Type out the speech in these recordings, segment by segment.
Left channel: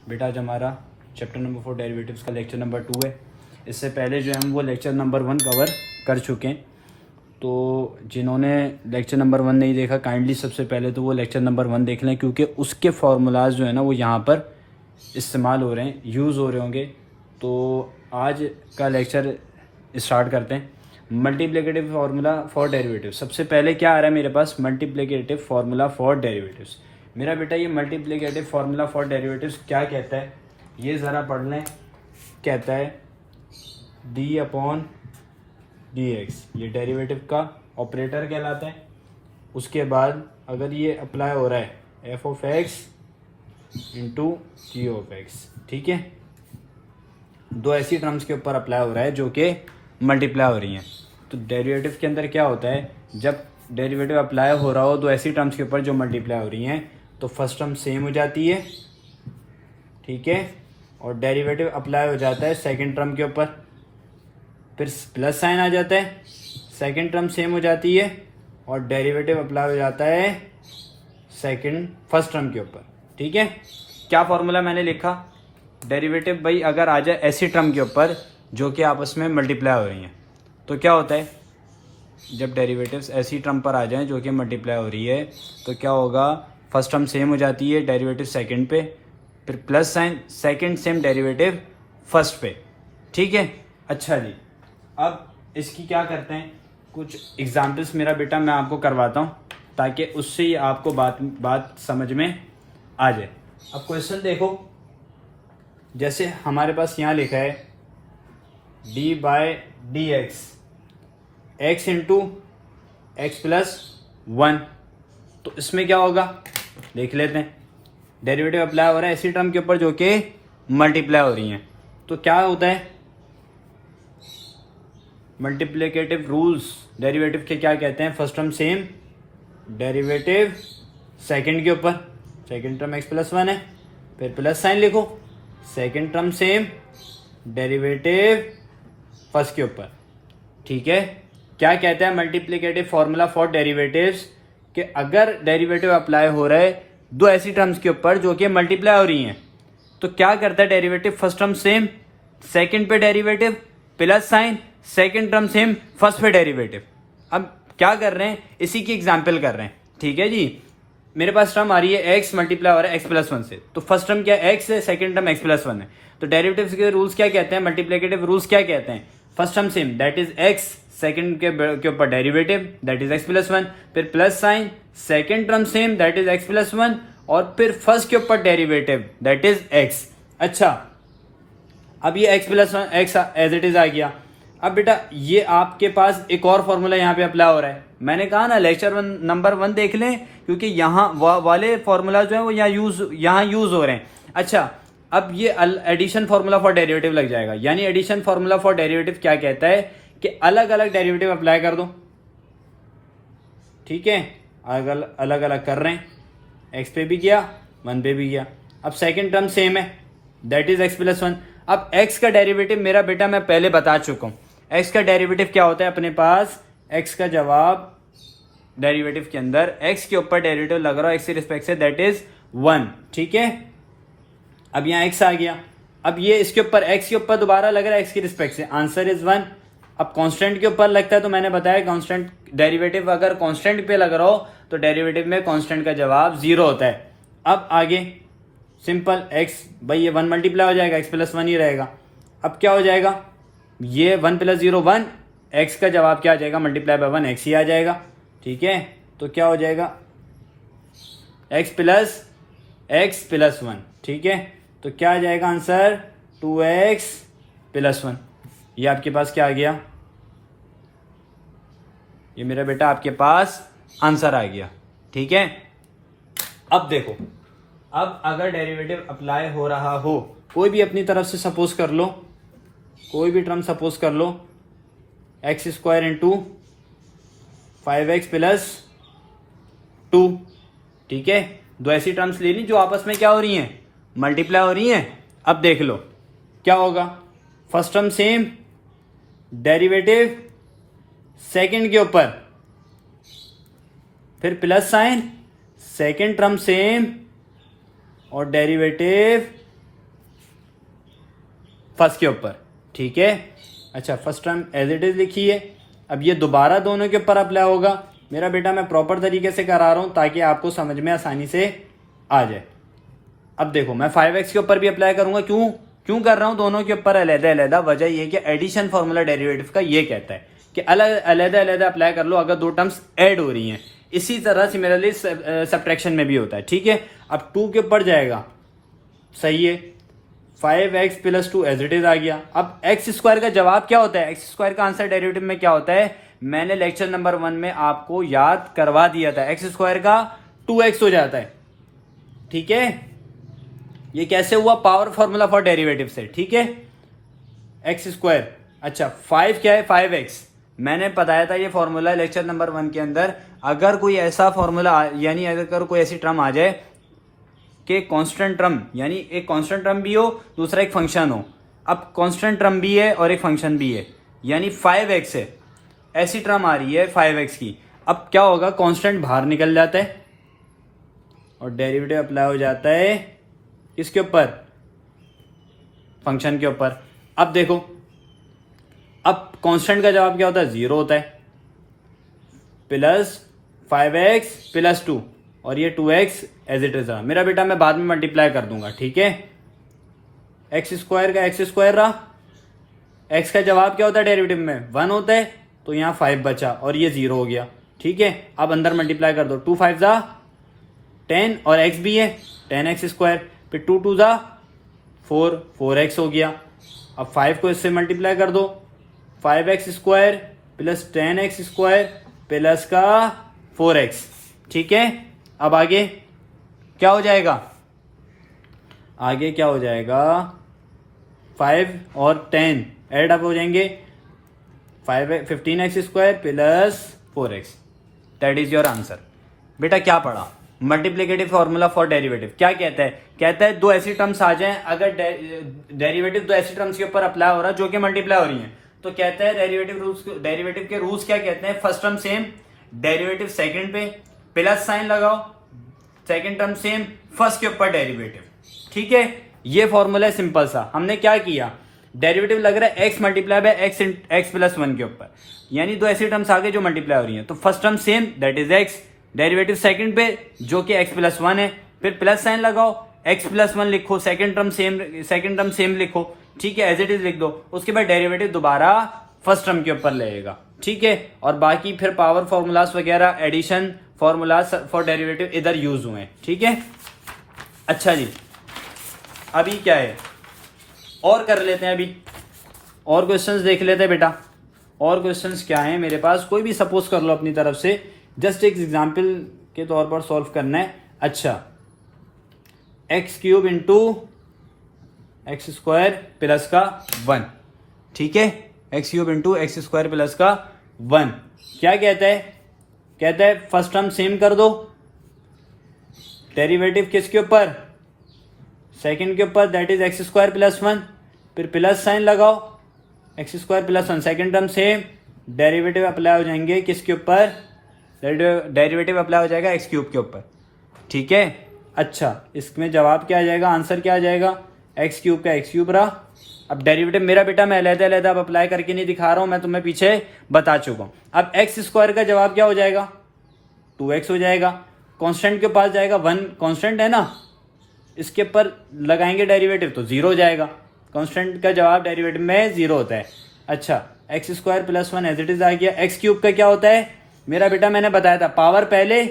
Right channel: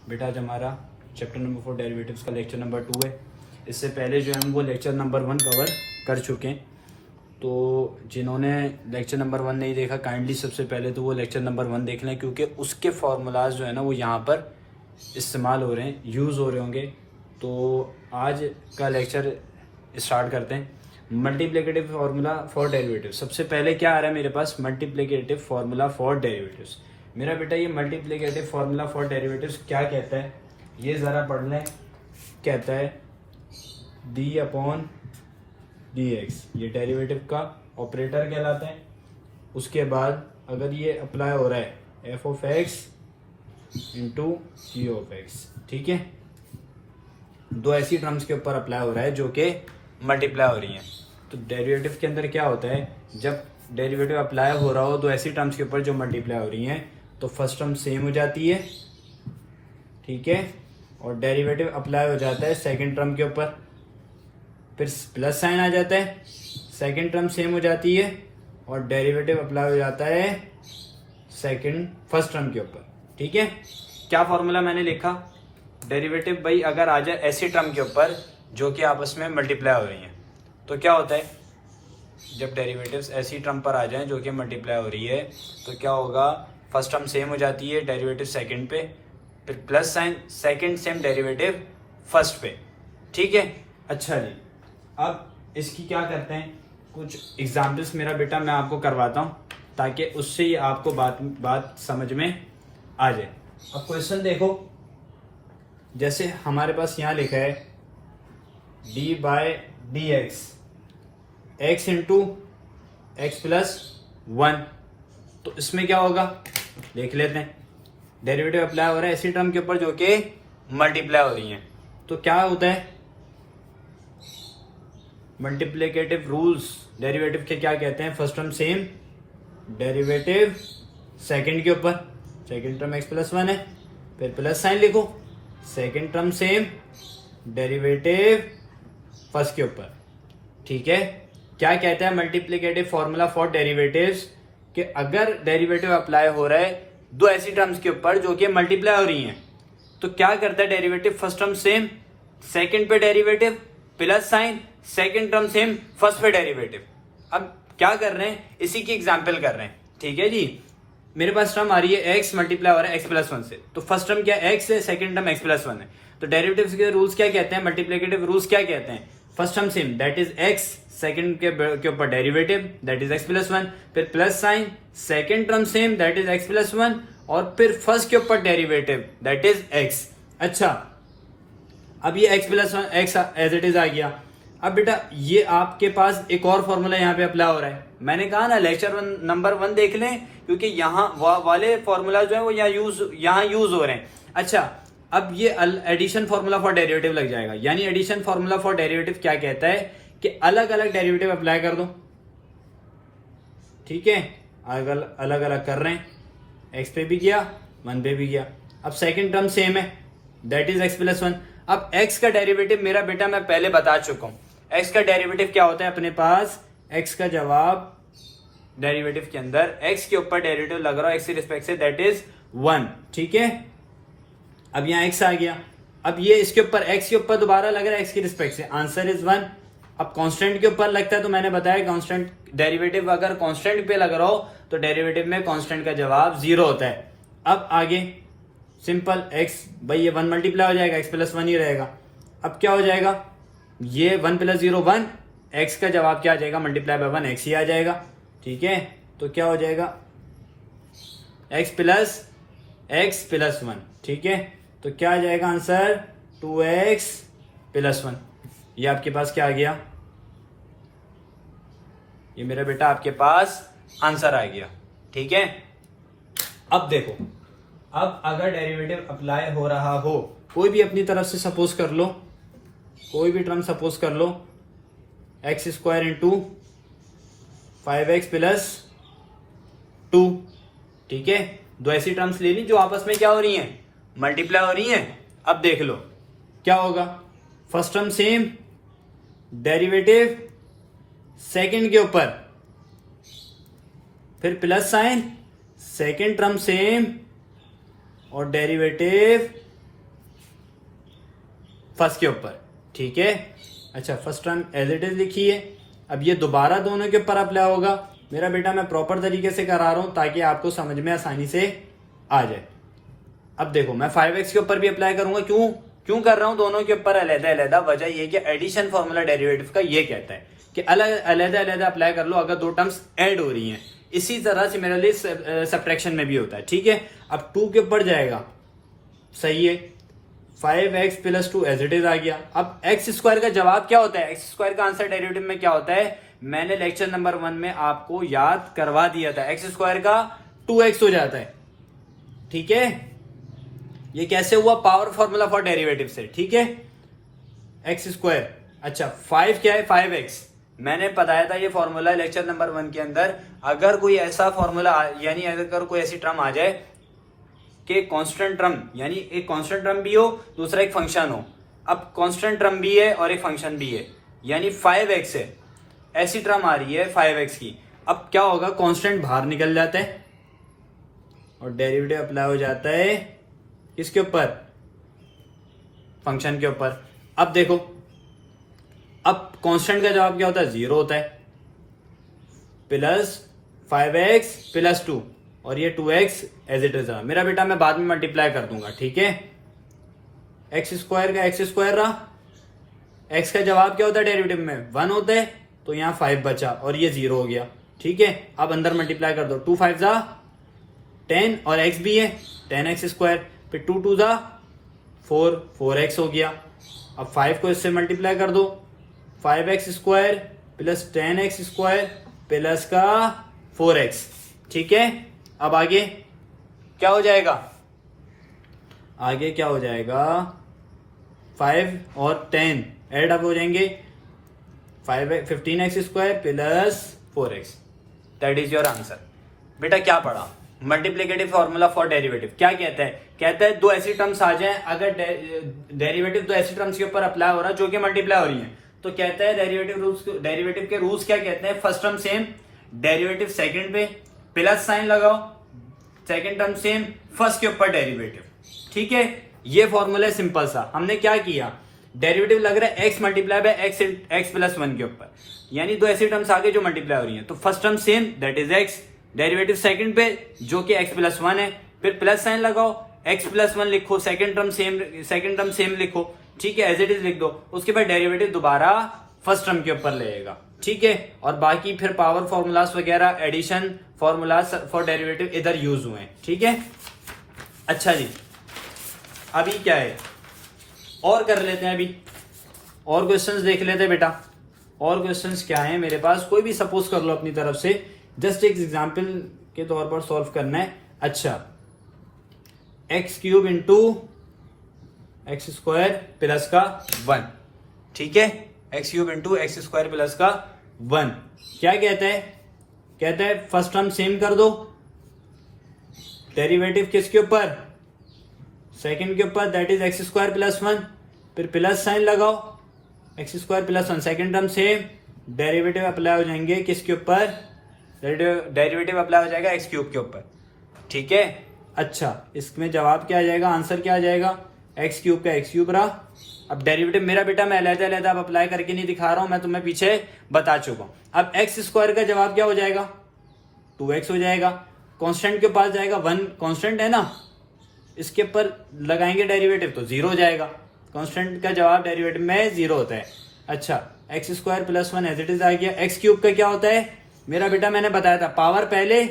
बेटा आज हमारा चैप्टर नंबर 4 डेरिवेटिव्स का लेक्चर नंबर 2 है। इससे पहले जो हम वो लेक्चर नंबर 1 कवर कर चुके हैं। तो जिन्होंने लेक्चर नंबर 1 नहीं देखा काइंडली सबसे पहले तो वो लेक्चर नंबर 1 देख लें, क्योंकि उसके फार्मूलाज जो है ना वो यहाँ पर इस्तेमाल हो रहे हैं, यूज़ हो रहे होंगे। तो आज का लेक्चर स्टार्ट करते हैं। Multiplicative formula for derivative. सबसे पहले क्या आ रहा है मेरे पास? Multiplicative formula for derivatives. मेरा बेटा ये मल्टीप्लिकेटिव फार्मूला फॉर डेरिवेटिव्स क्या कहता है ये ज़रा पढ़ लें। कहता है डी अपॉन डी एक्स, ये डेरिवेटिव का ऑपरेटर कहलाता है। उसके बाद अगर ये अप्लाई हो रहा है f of x into g of x, ठीक है, दो ऐसी टर्म्स के ऊपर अप्लाई हो रहा है जो कि मल्टीप्लाई हो रही हैं। तो डेरिवेटिव के अंदर क्या होता है, जब डेरिवेटिव अप्लाई हो रहा हो दो ऐसी टर्म्स के ऊपर जो मल्टीप्लाई हो रही हैं, तो फर्स्ट टर्म सेम हो जाती है, ठीक है, और डेरिवेटिव अप्लाई हो जाता है सेकंड टर्म के ऊपर, फिर प्लस साइन आ जाता है, सेकंड टर्म सेम हो जाती है और डेरिवेटिव अप्लाई हो जाता है फर्स्ट टर्म के ऊपर, ठीक है। क्या फॉर्मूला मैंने लिखा? डेरिवेटिव भाई अगर आ जाए ऐसी टर्म के ऊपर जो कि आपस में मल्टीप्लाई हो रही हैं, तो क्या होता है, जब डेरिवेटिव्स ऐसी टर्म पर आ जाएं जो कि मल्टीप्लाई हो रही है तो क्या होगा, फर्स्ट टर्म सेम हो जाती है डेरिवेटिव सेकंड पे, फिर plus sign, second same derivative first पे, ठीक है। अच्छा जी, अब इसकी क्या करते हैं, कुछ एग्जाम्पल्स मेरा बेटा मैं आपको करवाता हूँ ताकि उससे ही आपको बात समझ में आ जाए। अब क्वेश्चन देखो, जैसे हमारे पास यहाँ लिखा है d by d x, x into x plus 1, तो इसमें क्या होगा देख लेते हैं। डेरिवेटिव अप्लाई हो रहा है ऐसी टर्म के ऊपर जो कि मल्टीप्लाई हो रही है, तो क्या होता है, मल्टीप्लिकेटिव रूल्स डेरिवेटिव के क्या कहते हैं, first term same, derivative second के ऊपर, सेकंड टर्म एक्स प्लस 1 है, फिर प्लस साइन लिखो, second term same, derivative first के ऊपर, ठीक है। क्या कहता है मल्टीप्लिकेटिव फॉर्मूला फॉर डेरिवेटिव्स, कि अगर डेरिवेटिव अप्लाई हो रहा है दो ऐसी टर्म्स के ऊपर जो कि मल्टीप्लाई हो रही हैं, तो क्या करता है derivative first term same, second पे derivative plus sign, second term same, first पे डेरिवेटिव। अब क्या कर रहे हैं, इसी की एग्जांपल कर रहे हैं, ठीक है जी। मेरे पास टर्म आ रही है एक्स मल्टीप्लाई हो रहा है एक्स प्लस 1 से, तो फर्स्ट टर्म क्या एक्स है, सेकंड टर्म एक्स प्लस 1 है। तो डेरिवेटिव्स के रूल्स क्या कहते हैं, मल्टीप्लिकेटिव रूल्स क्या कहते हैं, first term same that is x, second के ऊपर derivative that is x plus 1, फिर plus sign, second term same that is x plus 1, और फिर फर्स्ट के ऊपर डेरिवेटिव दैट इज एक्स। अच्छा, अब ये x plus 1 x as it is आ गया। अब बेटा ये आपके पास एक और फॉर्मूला यहाँ पे अप्लाई हो रहा है। मैंने कहा ना लेक्चर नंबर 1 देख लें, क्योंकि यहाँ वाले फॉर्मूला जो है वो यहाँ यूज हो रहे हैं। अच्छा, अब ये एडिशन फॉर्मूला फॉर डेरिवेटिव लग जाएगा, यानी एडिशन फॉर्मूला फॉर डेरिवेटिव क्या कहता है कि अलग अलग डेरिवेटिव अप्लाई कर दो, ठीक है, अलग अलग कर रहे हैं, एक्स पे भी गया 1 पे भी गया। अब सेकंड टर्म सेम है दैट इज एक्स प्लस 1। अब एक्स का डेरिवेटिव मेरा बेटा मैं पहले बता चुका हूं, एक्स का डेरिवेटिव क्या होता है अपने पास, एक्स का जवाब डेरिवेटिव के अंदर एक्स के ऊपर डेरिवेटिव लग रहा है एक्स के रिस्पेक्ट से दैट इज 1, ठीक है। अब यहाँ एक्स आ गया, अब ये इसके ऊपर एक्स के ऊपर दोबारा लग रहा है एक्स के रिस्पेक्ट से, आंसर इज 1। अब कांस्टेंट के ऊपर लगता है तो मैंने बताया कांस्टेंट डेरिवेटिव अगर कांस्टेंट पे लग रहा हो तो डेरिवेटिव में कांस्टेंट का जवाब 0 होता है। अब आगे सिंपल एक्स, भाई ये 1 मल्टीप्लाई हो जाएगा, एक्स प्लस 1 ही रहेगा। अब क्या हो जाएगा, ये 1 प्लस 0 1, एक्स का जवाब क्या आ जाएगा, मल्टीप्लाई बाय 1 एक्स ही आ जाएगा, ठीक है। तो क्या हो जाएगा, एक्स प्लस 1, ठीक है। तो क्या आ जाएगा आंसर, 2x प्लस 1। ये आपके पास क्या आ गया, ये मेरा बेटा आपके पास आंसर आ गया, ठीक है। अब देखो, अब अगर डेरिवेटिव अप्लाई हो रहा हो, कोई भी अपनी तरफ से सपोज कर लो, कोई भी टर्म सपोज कर लो, x square into 5x plus 2, ठीक है। दो ऐसी टर्म्स ले ली जो आपस में क्या हो रही हैं, मल्टीप्लाई हो रही हैं। अब देख लो क्या होगा, first term same, derivative second के ऊपर, फिर plus sign, second term same और डेरिवेटिव फर्स्ट के ऊपर, ठीक है। अच्छा, first term as it is लिखी है। अब ये दोबारा दोनों के ऊपर अप्लाई होगा। मेरा बेटा मैं प्रॉपर तरीके से करा रहा हूं ताकि आपको समझ में आसानी से आ जाए। अब देखो मैं 5x के ऊपर भी अप्लाई करूंगा। क्यों कर रहा हूं दोनों के ऊपर अलग-अलग? वजह ये कि एडिशन फॉर्मूला डेरिवेटिव का ये कहता है कि अलग अप्लाई कर लो अगर दो टर्म्स ऐड हो रही हैं। इसी तरह सिमिलरली सब्ट्रैक्शन में भी होता है, ठीक है। अब 2 के ऊपर जाएगा, सही है। 5x + 2 एज इट इज आ गया। अब x स्क्वायर का जवाब क्या होता है? x स्क्वायर का आंसर डेरिवेटिव में क्या होता है? मैंने लेक्चर नंबर 1 में आपको याद करवा दिया था। x स्क्वायर का 2x हो जाता है, ठीक है। ये कैसे हुआ? पावर फॉर्मूला फॉर डेरिवेटिव से, ठीक है। x स्क्वायर, अच्छा 5 क्या है? 5x। मैंने बताया था ये फॉर्मूला लेक्चर नंबर 1 के अंदर। अगर कोई ऐसा फॉर्मूला यानी अगर कोई ऐसी टर्म आ जाए कि कांस्टेंट टर्म, यानी एक कांस्टेंट टर्म भी हो, दूसरा एक फंक्शन हो। अब कांस्टेंट टर्म भी है और एक फंक्शन भी है, यानी 5x है। ऐसी टर्म आ रही है 5x की। अब क्या होगा? कांस्टेंट बाहर निकल जाता है और डेरिवेटिव अप्लाई हो जाता है किसके ऊपर? फंक्शन के ऊपर। अब देखो, अब कांस्टेंट का जवाब क्या होता है? 0 होता है। प्लस 5x + 2 और ये 2x एज इट इज रहा। मेरा बेटा मैं बाद में मल्टीप्लाई कर दूंगा, ठीक है। x स्क्वायर का x स्क्वायर रहा। x का जवाब क्या होता है डेरिवेटिव में? 1 होता है, तो यहाँ 5 बचा और ये 0 हो गया, ठीक है। अब अंदर मल्टीप्लाई कर दो। 2 5 जा 10 और x भी है 10x स्क्वायर, फिर 2 2 जा 4x हो गया। अब 5 को इससे मल्टीप्लाई कर दो। 5x square + 10x square plus का 4x, ठीक है। अब आगे क्या हो जाएगा? आगे क्या हो जाएगा? 5 और 10 एड अप हो जाएंगे। 15x square plus 4x, that is your answer. बेटा क्या पढ़ा? मल्टीप्लिकेटिव फॉर्मूला फॉर डेरिवेटिव क्या कहता है? कहता है दो ऐसी टर्म्स आ जाएं, अगर डेरिवेटिव दो ऐसी टर्म्स के ऊपर अप्लाई हो रहा है जो कि मल्टीप्लाई हो रही है, तो कहता है डेरिवेटिव के रूल्स क्या कहते हैं? First term same, derivative second पे प्लस साइन लगाओ, सेकंड टर्म सेम, फर्स्ट के ऊपर डेरिवेटिव, ठीक है। ये फॉर्मूला है सिंपल सा। हमने क्या किया? डेरिवेटिव लग रहा है x × x + 1 के ऊपर, यानी दो ऐसी टर्म्स आगे जो मल्टीप्लाई हो रही हैं। तो first term same that is x, derivative second पे जो कि x + 1 है, फिर प्लस साइन लगाओ, x + 1 लिखो, सेकंड टर्म सेम लिखो, ठीक है, एज इट इज लिख दो। उसके बाद डेरिवेटिव दोबारा फर्स्ट टर्म के ऊपर लेगा, ठीक है। और बाकी फिर पावर फॉर्मूलास वगैरह, एडिशन फॉर्मूलास फॉर डेरिवेटिव इधर यूज हुए, ठीक है। अच्छा जी, अभी क्या है और कर लेते हैं। अभी और क्वेश्चंस देख लेते हैं बेटा। और क्वेश्चंस क्या है मेरे पास? कोई भी सपोज कर लो अपनी तरफ से, जस्ट एक एग्जांपल के तौर पर सॉल्व करना है। अच्छा, x³ × x² प्लस का 1, ठीक है। x³ × x² प्लस का 1 क्या कहता है? कहता है फर्स्ट टर्म सेम कर दो, डेरिवेटिव किसके ऊपर? सेकंड के ऊपर, दैट इज x² + 1, फिर प्लस साइन लगाओ, x² + 1, second term same, derivative apply हो जाएंगे किसके ऊपर? डेरिवेटिव अप्लाई हो जाएगा x³ के ऊपर, ठीक है। अच्छा, इसमें जवाब क्या आ जाएगा? आंसर क्या आ जाएगा? x³ का x³ रहा। अब डेरिवेटिव मेरा बेटा मैं अलग अप्लाई करके नहीं दिखा रहा हूं, मैं तुम्हें पीछे बता चुका हूं। अब x² का जवाब क्या हो जाएगा? 2x हो जाएगा। कांस्टेंट के पास जाएगा, 1 कांस्टेंट है ना, इसके ऊपर लगाएंगे डेरिवेटिव तो 0 हो जाएगा। कांस्टेंट का जवाब डेरिवेटिव में 0 होता है। अच्छा, x² + 1 एज इट इज आ गया। x³ का क्या होता है मेरा बेटा? मैंने बताया था, पावर पहले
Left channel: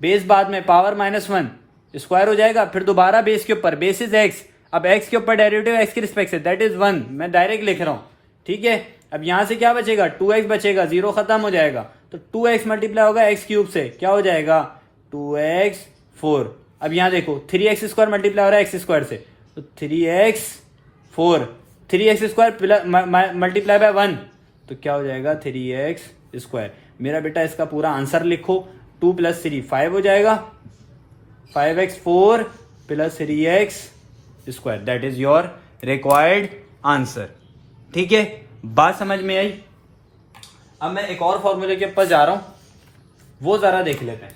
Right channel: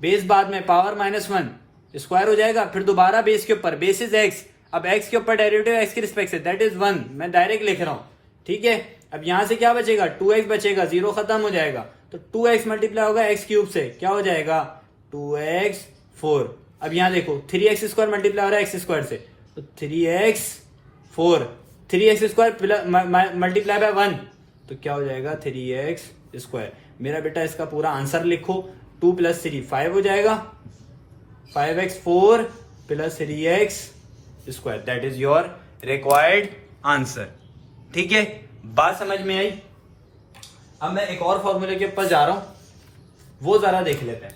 बेस बाद में, पावर -1 स्क्वायर हो जाएगा, फिर दोबारा बेस के ऊपर, बेस इज x। अब x के ऊपर डेरिवेटिव x के रिस्पेक्ट से, दैट इज 1, मैं डायरेक्ट लिख रहा हूं, ठीक है। अब यहां से क्या बचेगा? 2x बचेगा, 0 खत्म हो जाएगा, तो 2x मल्टीप्लाई होगा x³ से, क्या हो जाएगा? 2x 4। अब यहां देखो 3x² मल्टीप्लाई हो रहा है x² से, तो 3x 4, 3x² मल्टीप्लाई बाय 1, तो क्या हो जाएगा? 3x²। मेरा बेटा इसका पूरा आंसर लिखो। 2 + 3 5 हो जाएगा, 5x4 + 3x², that is your required answer, ठीक है। बात समझ में आई? अब मैं एक और फॉर्मूले के ऊपर जा रहा हूं, वो जरा देख लेते हैं।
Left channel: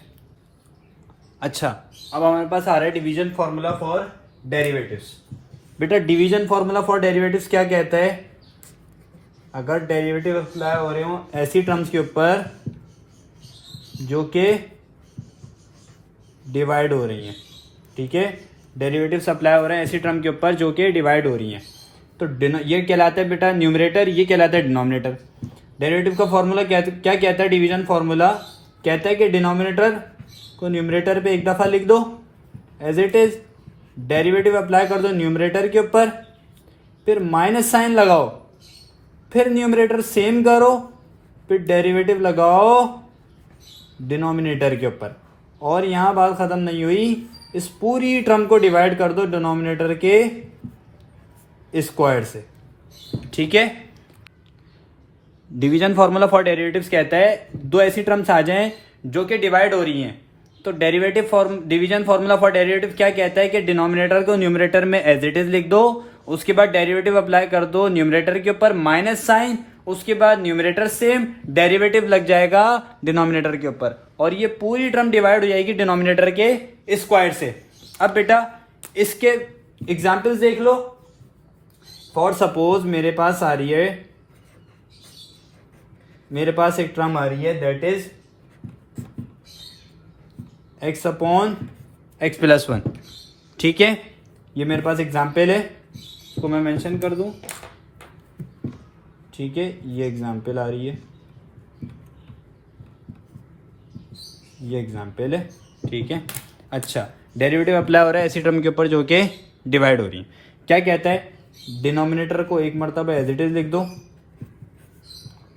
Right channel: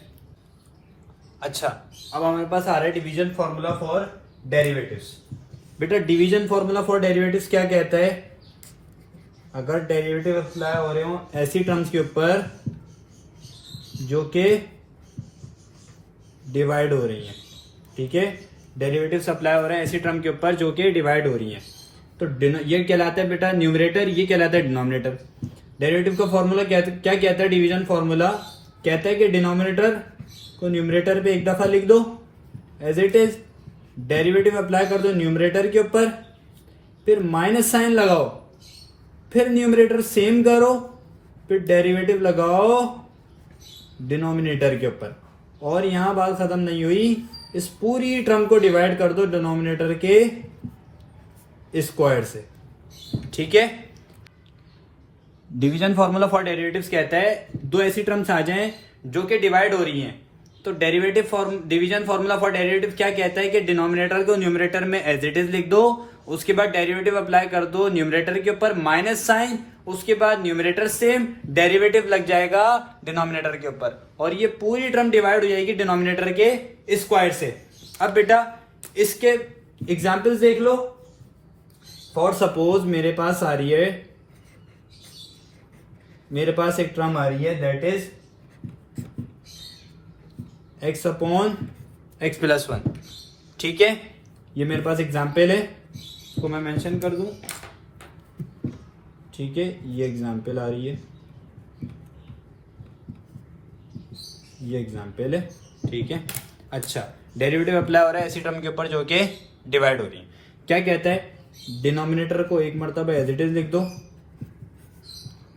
अच्छा, अब हमारे पास आ रहा है डिवीजन फॉर्मूला फॉर डेरिवेटिव्स। बेटा डिवीजन फॉर्मूला फॉर डेरिवेटिव्स क्या कहता है? अगर डेरिवेटिव अप्लाई हो रहे हो ऐसी टर्म्स के ऊपर जो कि डिवाइड हो रही हैं, ठीक है, डेरिवेटिव्स अप्लाई हो रहे हैं ऐसी टर्म के ऊपर जो कि डिवाइड हो रही हैं, तो ये कहलाता है बेटा न्यूमरेटर, ये कहलाता है डिनोमिनेटर। डेरिवेटिव का फॉर्मूला क्या कहता है? डिवीजन फॉर्मूला कहता है कि डिनोमिनेटर को न्यूमरेटर पे एक दफा लिख दो as it is, derivative apply कर दो न्यूमरेटर के ऊपर, फिर माइनस साइन लगाओ, फिर न्यूमरेटर सेम करो, फिर डेरिवेटिव लगाओ डिनोमिनेटर के ऊपर। और यहां बात खत्म नहीं हुई, इस पूरी टर्म को डिवाइड कर दो डिनोमिनेटर के स्क्वायर से, ठीक है। डिवीजन फॉर्मूला फॉर डेरिवेटिव्स कहता है दो ऐसी टर्म्स आ जाएं जो कि डिवाइड हो रही हैं, तो डिवीजन फॉर्मूला फॉर डेरिवेटिव क्या कहता है कि डिनोमिनेटर को न्यूमरेटर में एज इट इज लिख दो, उसके बाद डेरिवेटिव अप्लाई कर दो न्यूमरेटर के ऊपर माइनस साइन, उसके बाद न्यूमरेटर सेम, डेरिवेटिव लग जाएगा डिनोमिनेटर के ऊपर, और ये पूरी टर्म डिवाइड हो जाएगी डिनोमिनेटर के स्क्वायर से। अब बेटा इसके एग्जाम्पल्स देख लो। फॉर सपोज मेरे पास एक टर्म आ रही है that is x upon x plus 1, ठीक है। ये मेरे पास एग्जाम्पल है, इसको मैं मेंशन कर दूं, ठीक है। ये एग्जाम्पल आ रही है, ये एग्जाम्पल है, ठीक है। अच्छा, डेरिवेटिव अप्लाई हो रहा है ऐसी टर्म के ऊपर जो कि डिवाइड हो रही है। क्या कहता है? डिनोमिनेटर को एक मरतबा एज इट इज लिख दो,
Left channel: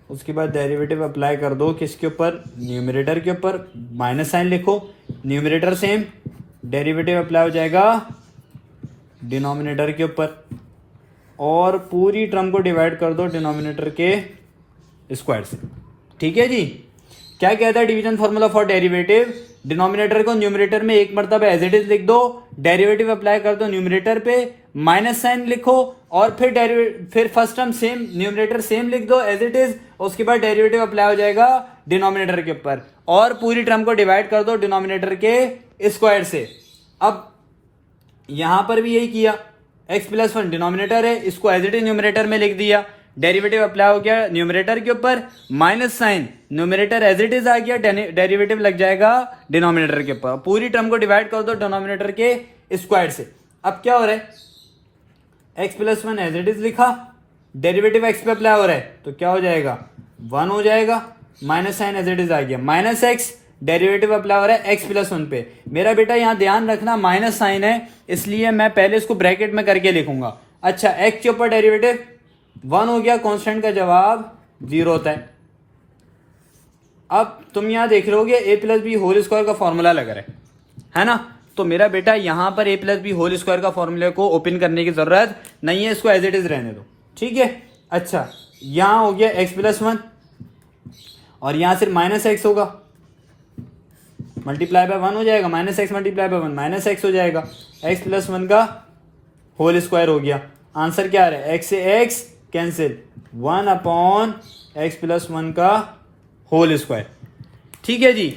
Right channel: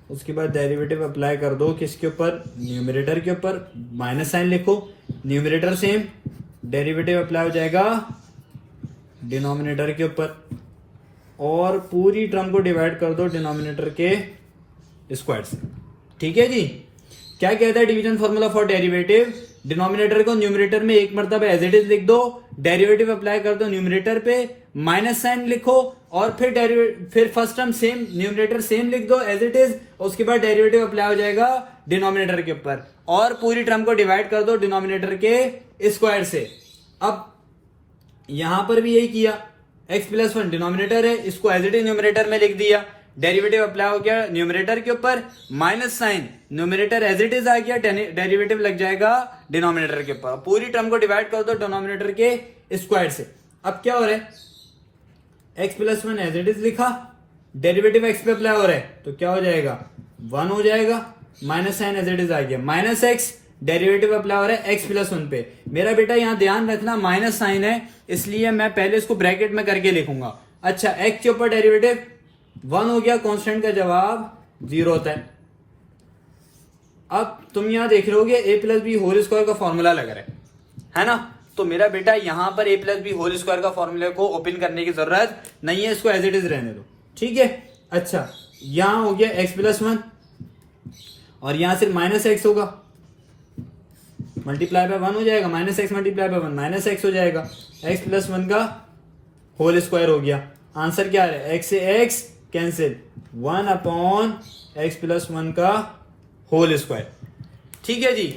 उसके बाद डेरिवेटिव अप्लाई कर दो किसके ऊपर? न्यूमरेटर के ऊपर, माइनस साइन लिखो, न्यूमरेटर सेम, डेरिवेटिव अप्लाई हो जाएगा डिनोमिनेटर के ऊपर, और पूरी टर्म को डिवाइड कर दो डिनोमिनेटर के स्क्वायर से, ठीक है जी। क्या कहता है division formula for derivative? Denominator को न्यूमरेटर में एक मरतबा एज इट इज लिख दो, डेरिवेटिव अप्लाई कर दो न्यूमरेटर पे, माइनस साइन लिखो, और फिर first term same, numerator same लिख दो एज इट इज, उसके बाद डेरिवेटिव अप्लाई हो जाएगा डिनोमिनेटर के ऊपर, और पूरी टर्म को डिवाइड कर दो डिनोमिनेटर के स्क्वायर से। अब यहां पर भी यही किया, x प्लस 1 डिनोमिनेटर है, इसको एज इट इज न्यूमरेटर में लिख दिया, डेरिवेटिव अप्लाई हो गया न्यूमरेटर के ऊपर, minus sign, numerator as it is आ गया, डेरिवेटिव लग जाएगा डिनोमिनेटर के ऊपर, पूरी टर्म को डिवाइड कर दो डिनोमिनेटर के स्क्वायर से। अब क्या हो रहा है? x plus 1 as it is लिखा, डेरिवेटिव x पे अप्लाई हो रहा है तो क्या हो जाएगा? 1 हो जाएगा, minus sign as it is आ गया, माइनस x, डेरिवेटिव अप्लाई हो रहा है x प्लस 1 पे। मेरा बेटा यहां ध्यान रखना माइनस साइन है, इसलिए मैं पहले इसको ब्रैकेट में करके लिखूंगा। अच्छा, x के ऊपर डेरिवेटिव 1 हो गया, कांस्टेंट का जवाब 0 होता है। अब तुम यहां देख लोगे a plus B whole square का फॉर्मूला लग रहा है ना, तो मेरा बेटा यहां पर a plus B whole square का फॉर्मूले को ओपन करने की जरूरत नहीं है, इसको एज इट इज रहने दो, ठीक है। अच्छा, यहां हो गया x प्लस 1, और यहां सिर्फ माइनस एक्स होगा, मल्टीप्लाई बाय 1 हो जाएगा, minus x multiply by 1 minus x हो जाएगा, x प्लस 1 का होल स्क्वायर हो गया। आंसर क्या आ रहा है? x से x cancel, 1 upon x plus 1 का होल स्क्वायर, ठीक है जी।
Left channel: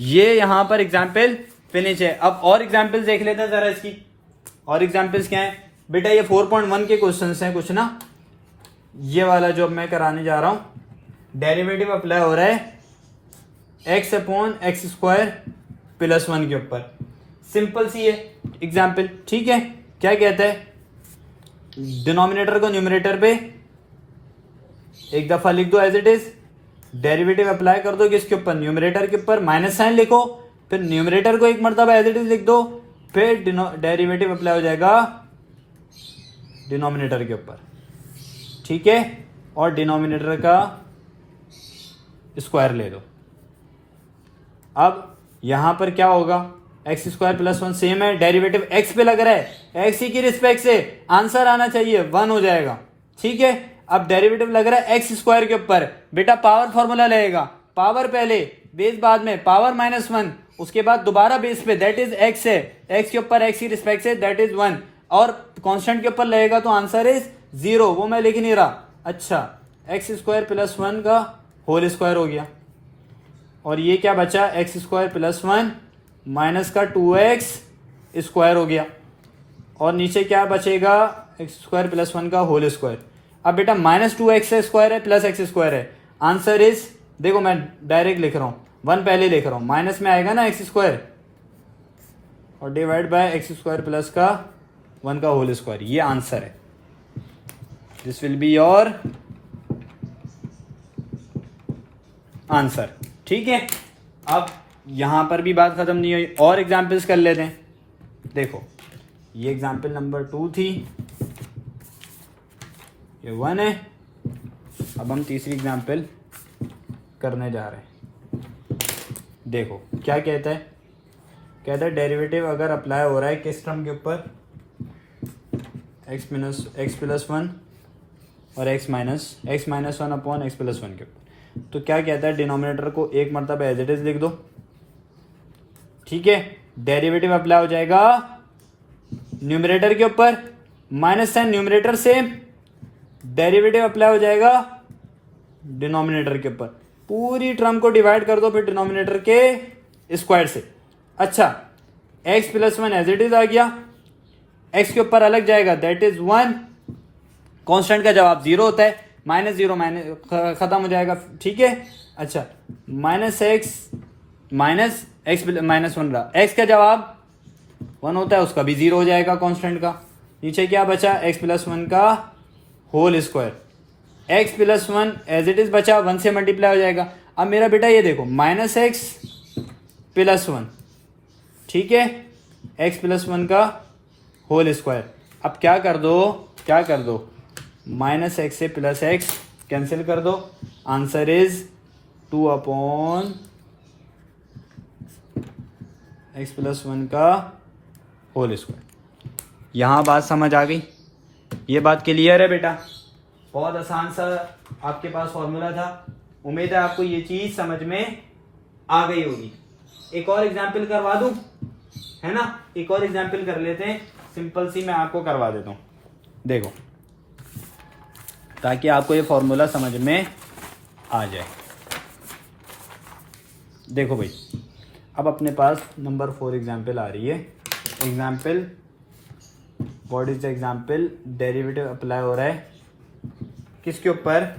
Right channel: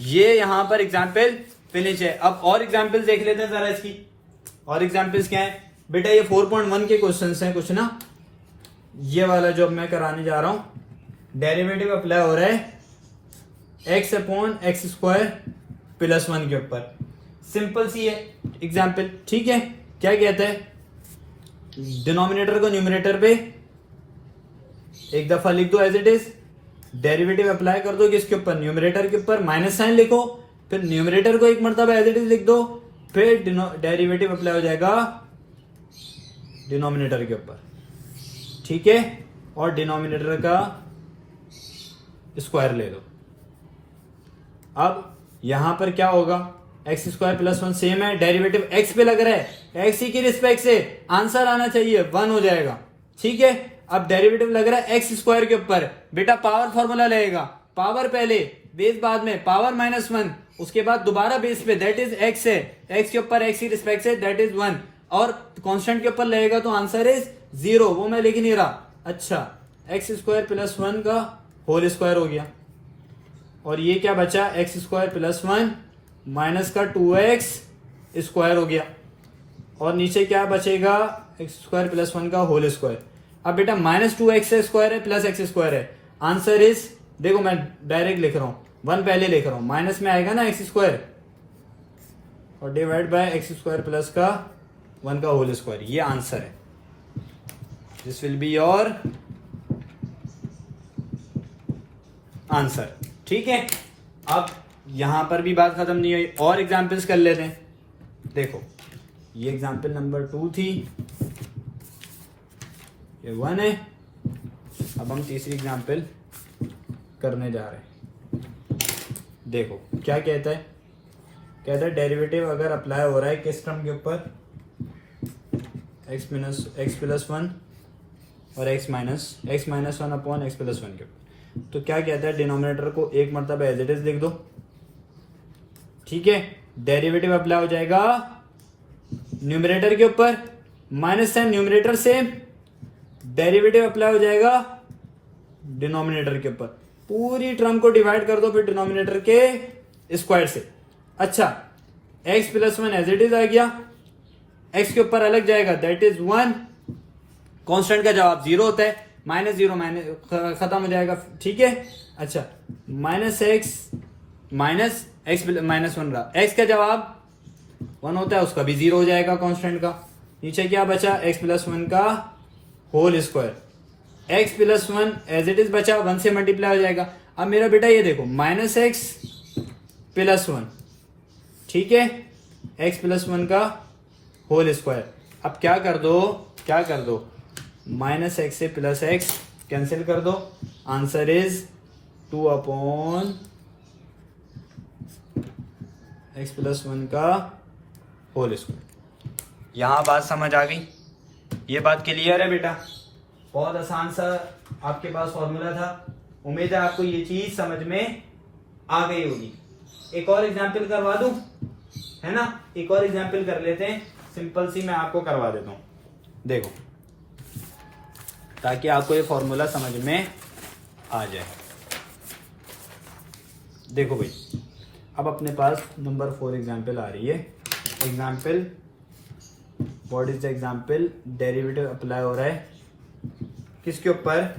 ये यहां पर एग्जाम्पल फिनिश है। अब और एग्जाम्पल देख लेते हैं जरा इसकी। और एग्जाम्पल्स क्या है बेटा? ये 4.1 के क्वेश्चंस हैं कुछ ना, ये वाला जो मैं कराने जा रहा हूं, डेरिवेटिव अप्लाई हो रहा है x upon x square plus 1 के ऊपर, सिंपल सी है एग्जाम्पल, ठीक है। क्या कहता है? डिनोमिनेटर को न्यूमरेटर पे एक दफा लिख दो as it is, derivative apply कर दो किसके ऊपर? न्यूमरेटर के ऊपर, माइनस साइन लिखो, फिर न्यूमरेटर को एक मरतबा एज इट इज लिख दो, फिर डेरिवेटिव अप्लाई हो जाएगा डिनोमिनेटर के ऊपर, ठीक है, और डिनोमिनेटर का स्क्वायर ले दो। अब यहां पर क्या होगा? एक्स स्क्वायर प्लस 1 सेम है, डेरिवेटिव एक्स पे लग रहा है, एक्स की रिस्पेक्ट से आंसर आना चाहिए 1 हो जाएगा, ठीक है। अब डेरिवेटिव लग रहा है एक्स स्क्वायर के ऊपर, बेटा पावर फॉर्मूला लगेगा, पावर पहले बेस बाद में, पावर -1, उसके बाद दोबारा बेस पे, दैट इज एक्स है, एक्स के ऊपर एक्स की रिस्पेक्ट से दैट इज 1, और कांस्टेंट के ऊपर लगेगा तो आंसर इज 0, वो मैं लिख नहीं रहा। अच्छा, एक्स स्क्वायर प्लस 1 का होल स्क्वायर हो गया, और ये क्या बचा? एक्स स्क्वायर प्लस 1 माइनस का 2x स्क्वायर हो गया और नीचे क्या बचेगा एक्स स्क्वायर प्लस 1 का होल स्क्वायर। अब बेटा माइनस 2x स्क्वायर है प्लस x स्क्वायर है, आंसर इज, देखो मैं डायरेक्ट लिख रहा हूं, 1 पहले लिख रहा हूं, माइनस में आएगा ना x स्क्वायर और divide by x square plus का 1 का होल स्क्वायर, ये आंसर है। This will be your answer. ठीक है, अब यहां पर भी बात खत्म नहीं हुई, और एग्जाम्पल्स कर लेते हैं। देखो ये एग्जाम्पल नंबर 2 थी, ये 1 है। अब हम तीसरी एग्जाम्पल करने जा रहे हैं। देखो क्या कहता है, कहता है डेरिवेटिव अगर अप्लाई हो रहा है किस टर्म के ऊपर, x प्लस 1 और x minus 1 upon x plus 1 के ऊपर, तो क्या कहता है डिनोमिनेटर को एक मरतबा एज इट इज लिख दो। ठीक है, डेरिवेटिव अप्लाई हो जाएगा न्यूमरेटर के ऊपर, माइनस साइन न्यूमरेटर से, डेरिवेटिव अप्लाई हो जाएगा डिनोमिनेटर के ऊपर, पूरी टर्म को डिवाइड कर दो फिर डिनोमिनेटर के स्क्वायर से। अच्छा, x plus 1 as it is आ गया, x के ऊपर अलग जाएगा, दैट इज 1, कांस्टेंट का जवाब 0 होता है, माइनस 0 माइनस खत्म हो जाएगा। ठीक है, अच्छा माइनस एक्स माइनस 1 रहा, x का जवाब 1 होता है, उसका भी 0 हो जाएगा कांस्टेंट का। नीचे क्या बचा, x प्लस 1 का whole square, x plus 1 as it is बचा, 1 से मल्टीप्लाई हो जाएगा। अब मेरा बेटा ये देखो माइनस एक्स प्लस 1, ठीक है, x प्लस 1 का होल स्क्वायर। अब क्या कर दो, माइनस एक्स से प्लस एक्स कैंसिल कर दो, answer is 2 upon x plus 1 का होल स्क्वायर। यहां बात समझ आ गई, ये बात क्लियर है बेटा, बहुत आसान सा आपके पास फॉर्मूला था। उम्मीद है आपको ये चीज समझ में आ गई होगी। एक और एग्जाम्पल करवा दूं, है ना, एक और एग्जाम्पल कर लेते हैं, सिंपल सी मैं आपको करवा देता हूं। देखो, ताकि आपको ये फॉर्मूला समझ में आ जाए। देखो भाई, अब अपने पास नंबर 4 एग्जाम्पल आ रही है। Example, what is the example, derivative apply हो रहा है किसके ऊपर,